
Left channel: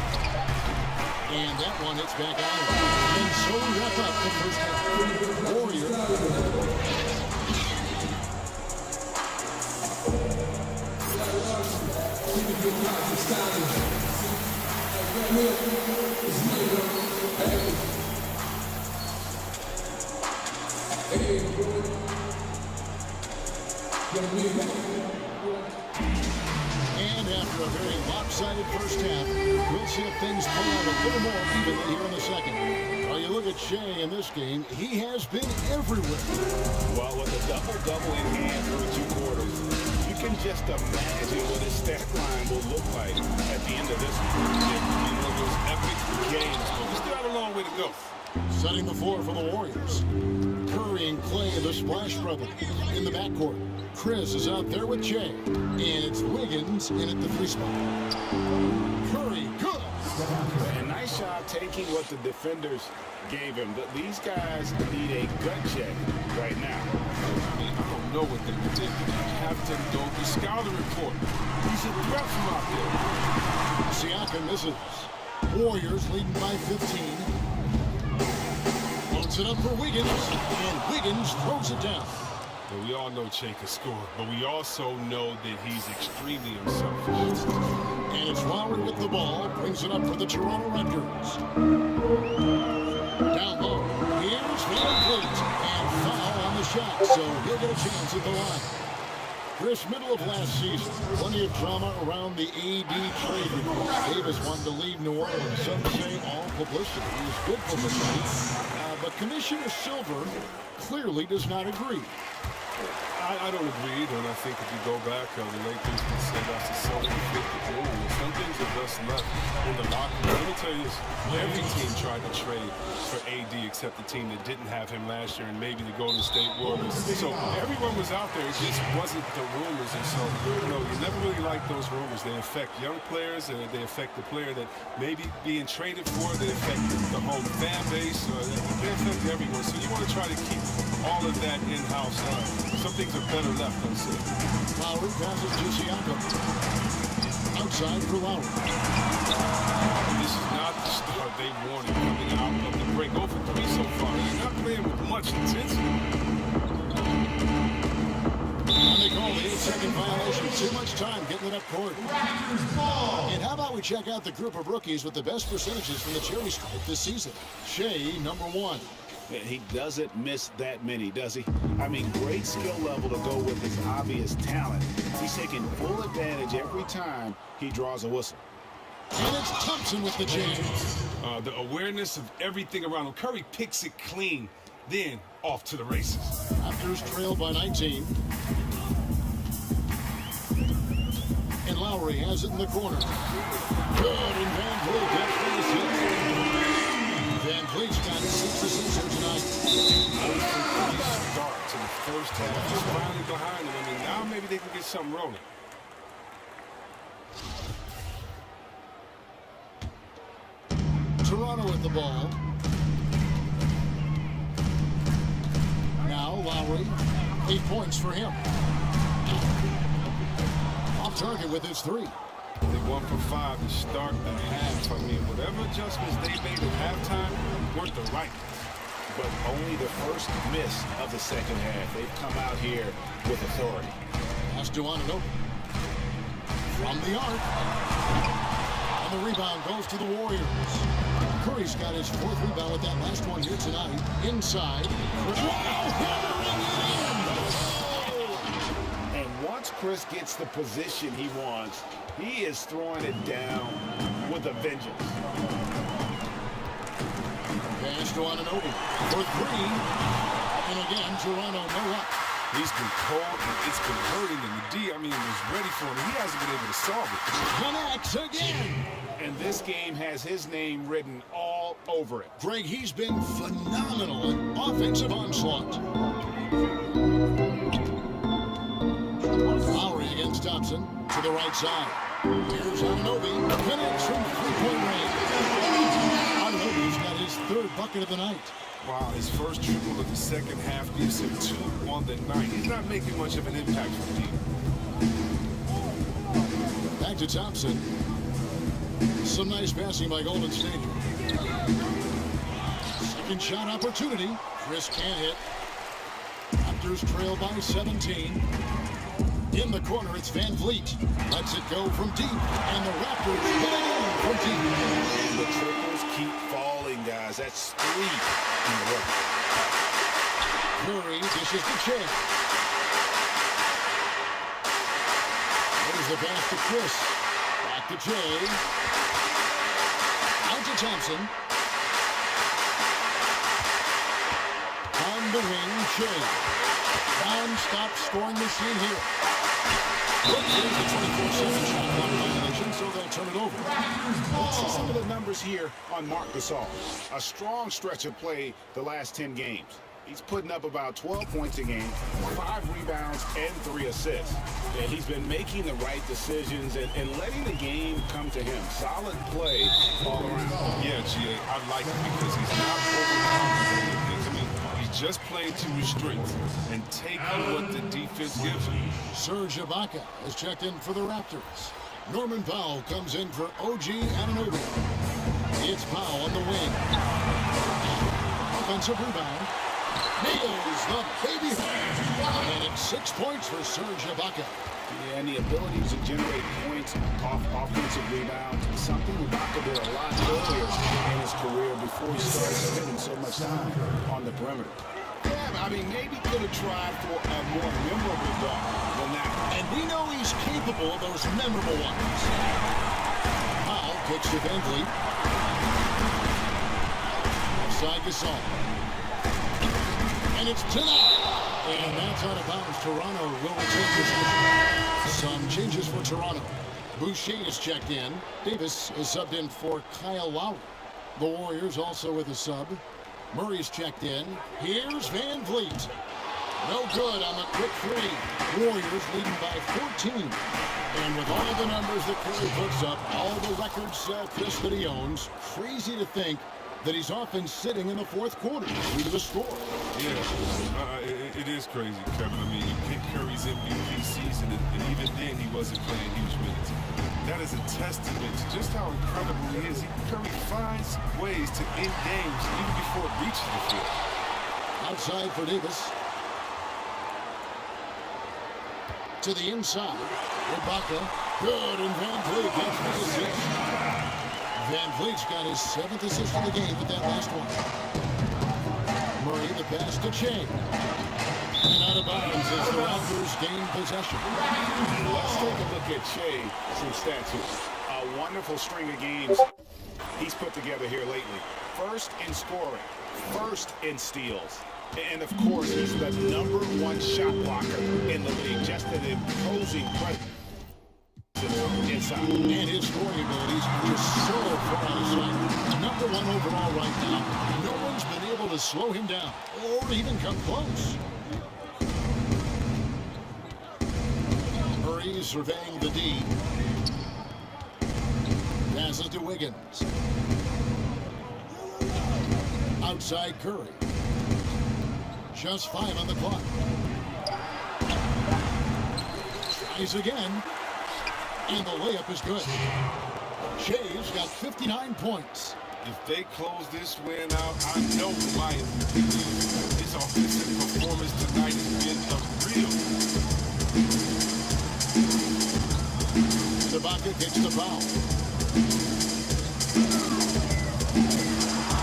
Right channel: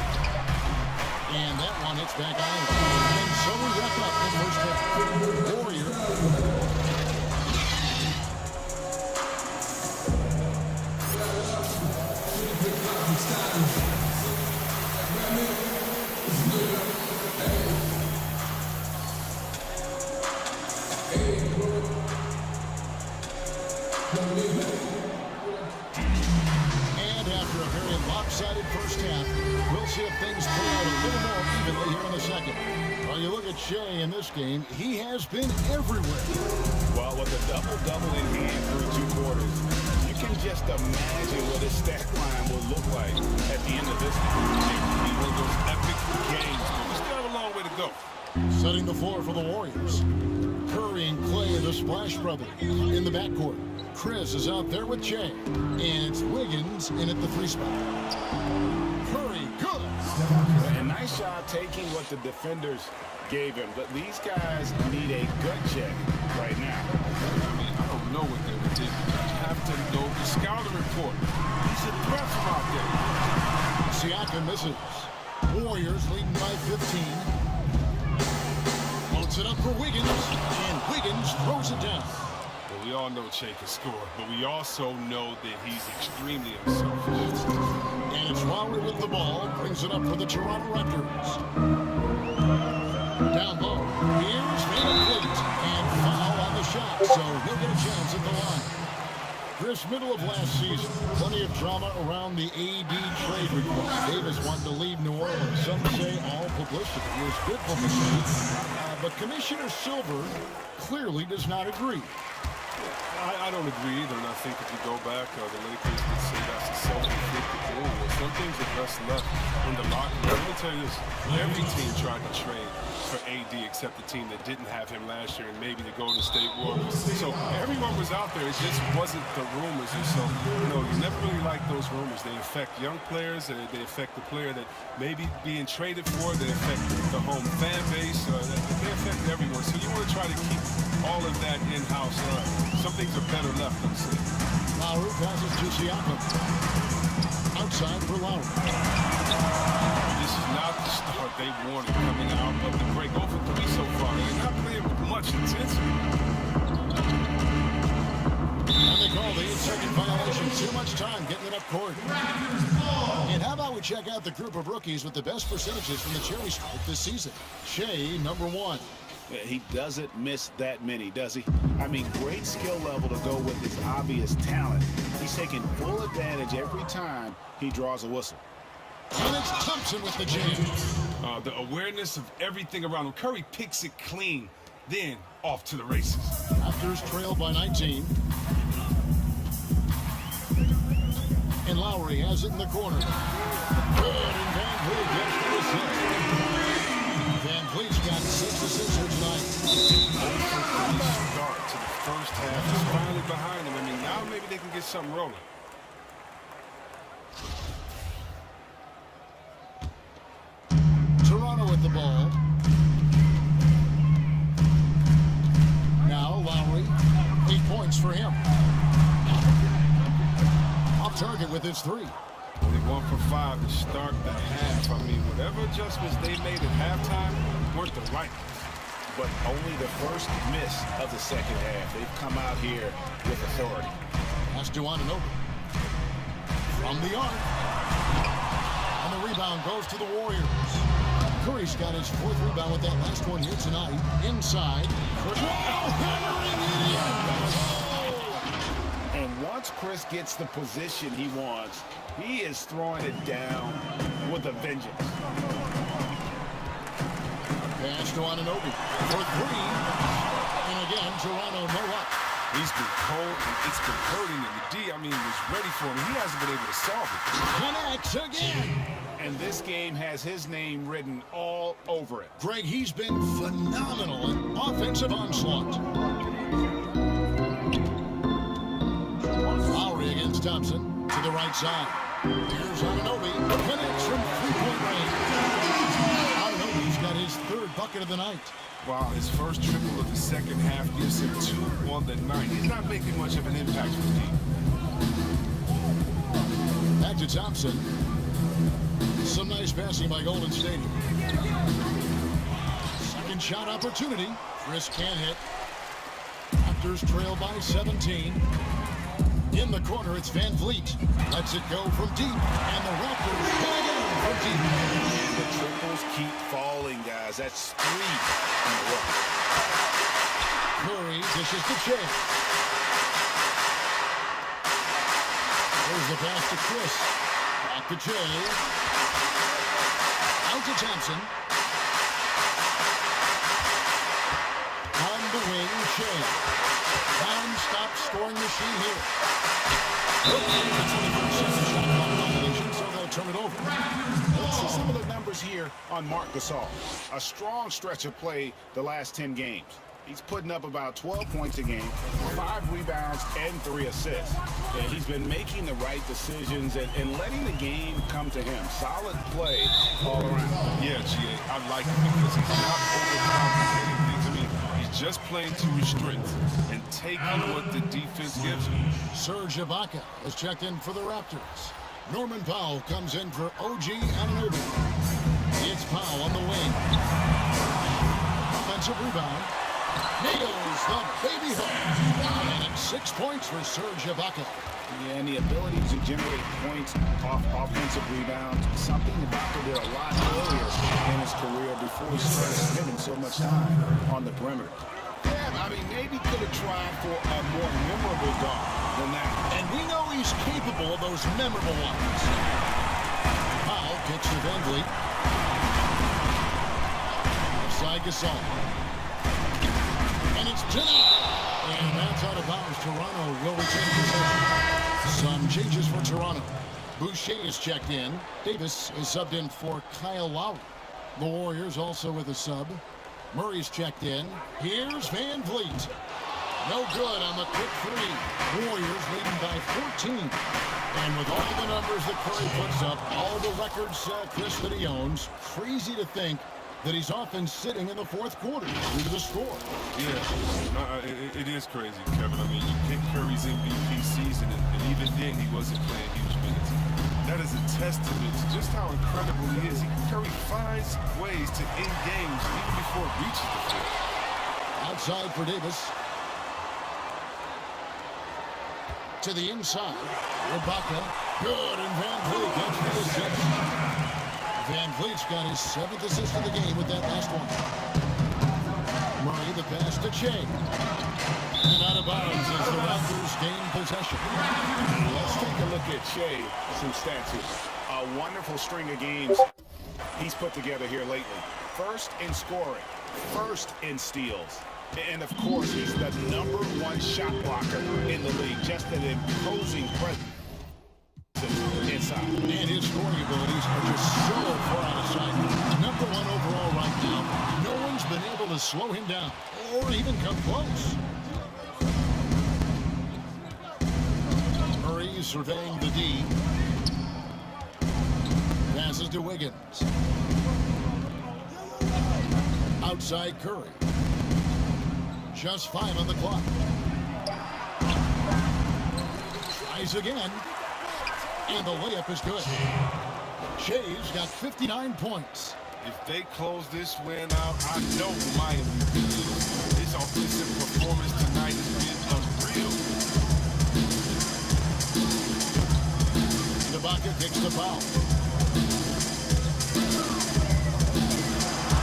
And that one hits back out. And so we wrap up the first half. Warrior. And after a very lopsided first half, we'll see if things play out a little more evenly here in the second. Well, you look at Shea in this game, he has been everywhere. Well, with a double-double in hand through 2 quarters, you can just imagine what his stat line will look like at the end of this one. It will be one of those epic games, but we still have a long way to go. Setting the floor for the Warriors. Curry and Clay, the Splash Brothers, in the backcourt. Chris is out there with Jay, and it's Wiggins in at the 3 spot. Curry, good. And nice shot taking what the defenders gave him. But these guys need a gut check right now. I mean, I don't know what they would do. You have to know the scouting report. He's a threat from out there. Siakam misses. Warriors leading by 15. Floats it up for Wiggins, and Wiggins throws it down. But we all know Che can score, but we also know that he's extremely unselfish. And it's Lowry with the ball, brings it up for the Toronto Raptors. Down low, here's Van Vliet, and foul on the shot, so he'll get a chance at the line. Chris, middle of last season, plenty of drama around the AD trade request. Davis wanted to leave New Orleans. Some say all publicity is good publicity. But Commissioner Silver clearly does not agree. I don't agree either, and I think if you go back, the Lakers would say that's a self-inflicted thing. And some things are best left in the locker room. Let me tell you this, every team tried to trade for AD except the team that didn't have him last year and maybe the Golden State Warriors. So everyone was out there, it just wasn't the rumors. And so, you never really like those rumors. They affect young players, they affect the player that may be being traded for, they affect the home fan base, they affect everyone. So you want to try to keep all of that in-house. Some things are better left unsaid. Lowry passes to Siakam. Outside for Lowry. This is not the start they wanted coming out of the break. 0 for 3 so far. They're not playing with much intensity. And they call the 8-second violation. Too much time getting it up court. And how about we check out the group of rookies with the best percentages from the cherry stripe this season? Shea, number 1. He doesn't miss that many, does he? I mean, great skill level to go with his obvious talent. He's taking full advantage every time he draws a whistle. And it's Thompson with the jam. The awareness of everything around him. Curry picks it clean, then off to the races. Raptors trail by 19. And Lowry has it in the corner. Good, and Van Vliet gets the assist. Van Vliet's got 6 assists here tonight. 0 from 3 start to the first half. He's finally behind him. I mean, now maybe they can get something rolling. Toronto with the ball. Now Lowry, 8 points for him. Off target with his 3. They 1 for 5 to start the half. I mean, whatever adjustments they made at halftime weren't the right ones. But only the first miss of the second half. They've come out here with authority. Pass to Ananobi. From the arc. And the rebound goes to the Warriors. Curry's got his 4th rebound with that last one here tonight. Inside. Hammering it in. And once Chris gets the position he wants, he is throwing it down with a vengeance. Pass to Ananobi for 3. And again, Toronto no luck. He's been cold, and it's been hurting him. The D, I mean, was ready for him. He hasn't been able to solve it. Connects again. And this game has his name written all over it. Greg, he's been phenomenal in offensive onslaught. Lowry against Thompson to the right side. Here's Ananobi. Connects from 3-point range. Ananobi's got his 3rd bucket of the night. Wow, his first triple of the second half gives him 2 on the night. He's not making much of an impact from deep. Back to Thompson. Some nice passing by Golden State. Second shot opportunity. Chris can't hit. Raptors trail by 17. In the corner, it's Van Vliet. Lets it go from deep. And the Raptors hit again from deep. And the triples keep falling, guys. That's 3 in a row. Curry dishes to Che. Here's the pass to Chris. Back to Jay. Out to Thompson. On the wing, Jay. Non-stop scoring machine here. Brooks needs a 24-second shot clock violation, so they'll turn it over. Let's see some of the numbers here on Marc Gasol. A strong stretch of play the last 10 games. He's putting up about 12 points a game, 5 rebounds, and 3 assists. And he's been making the right decisions and letting the game come to him. Solid play all around. Yeah, GA, I like it because he's not overcomplicating things. I mean, he's just playing to his strengths and taking what the defense gives him. Serge Ibaka has checked in for the Raptors. Norman Powell comes in for OG Anunoby. It's Powell on the wing. Offensive rebound. Nails the baby hook. And it's 6 points for Serge Ibaka. Yeah, and the ability to generate points off offensive rebounds, something Ibaka did a lot earlier in his career before he started spending so much time on the perimeter. Yeah, I mean, maybe could have tried for a more memorable dunk than that. And we know he's capable of those memorable ones. Powell kicks to Van Vliet. Offside Gasol. And it's denied. And that's out of bounds. Toronto will retain possession. Some changes for Toronto. Boucher is checked in. Davis is subbed in for Kyle Lowry. The Warriors also with a sub. Murray's checked in. Here's Van Vliet. No good on the quick three. Warriors leading by 14. And with all the numbers that Curry puts up, all the records, Chris, that he owns, crazy to think that he's often sitting in the fourth quarter due to the score. Yeah, it is crazy, Kevin. I mean, you pick Curry's MVP season, and even then he wasn't playing huge minutes. That is a testament to just how incredible he is. Curry finds ways to end games even before it reaches the field. Outside for Davis. To the inside. Ibaka. Good, and Van Vliet gets the assist. Van Vliet's got his 7th assist of the game with that last one. Murray, the pass to Che. And out of bounds as the Raptors gain possession. Let's take a look at Che, some stats here. A wonderful string of games he's put together here lately. First in scoring, first in steals. And of course, he's the #1 shot blocker in the league. Just an imposing presence inside. And his scoring abilities are just so far out of sight. #1 overall right now. No one's been able to slow him down or even come close. Murray surveying the D. Passes to Wiggins. Outside Curry. Just 5 on the clock. Tries again. And the layup is good. Shea's got 59 points. If they close this win out, I know who my MVP is. His offensive performance tonight has been unreal. Ibaka kicks the foul.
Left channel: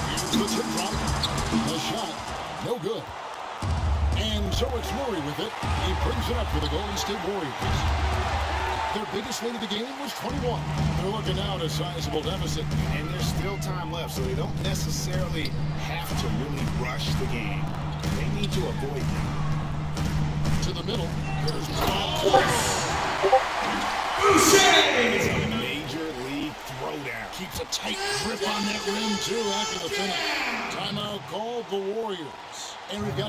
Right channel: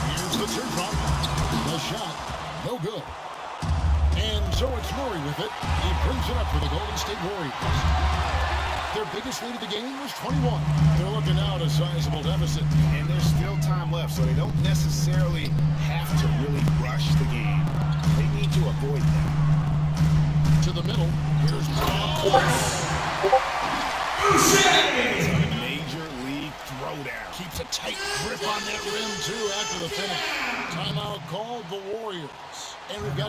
Here's the teardrop. The shot, no good. And so it's Murray with it. He brings it up for the Golden State Warriors. Their biggest lead of the game was 21. They're looking now at a sizable deficit. And there's still time left, so they don't necessarily have to really rush the game. They need to avoid that. To the middle. Here's Paul. It's a major league throwdown. Keeps a tight grip on that rim, too, after the finish. Timeout called the Warriors. And we've got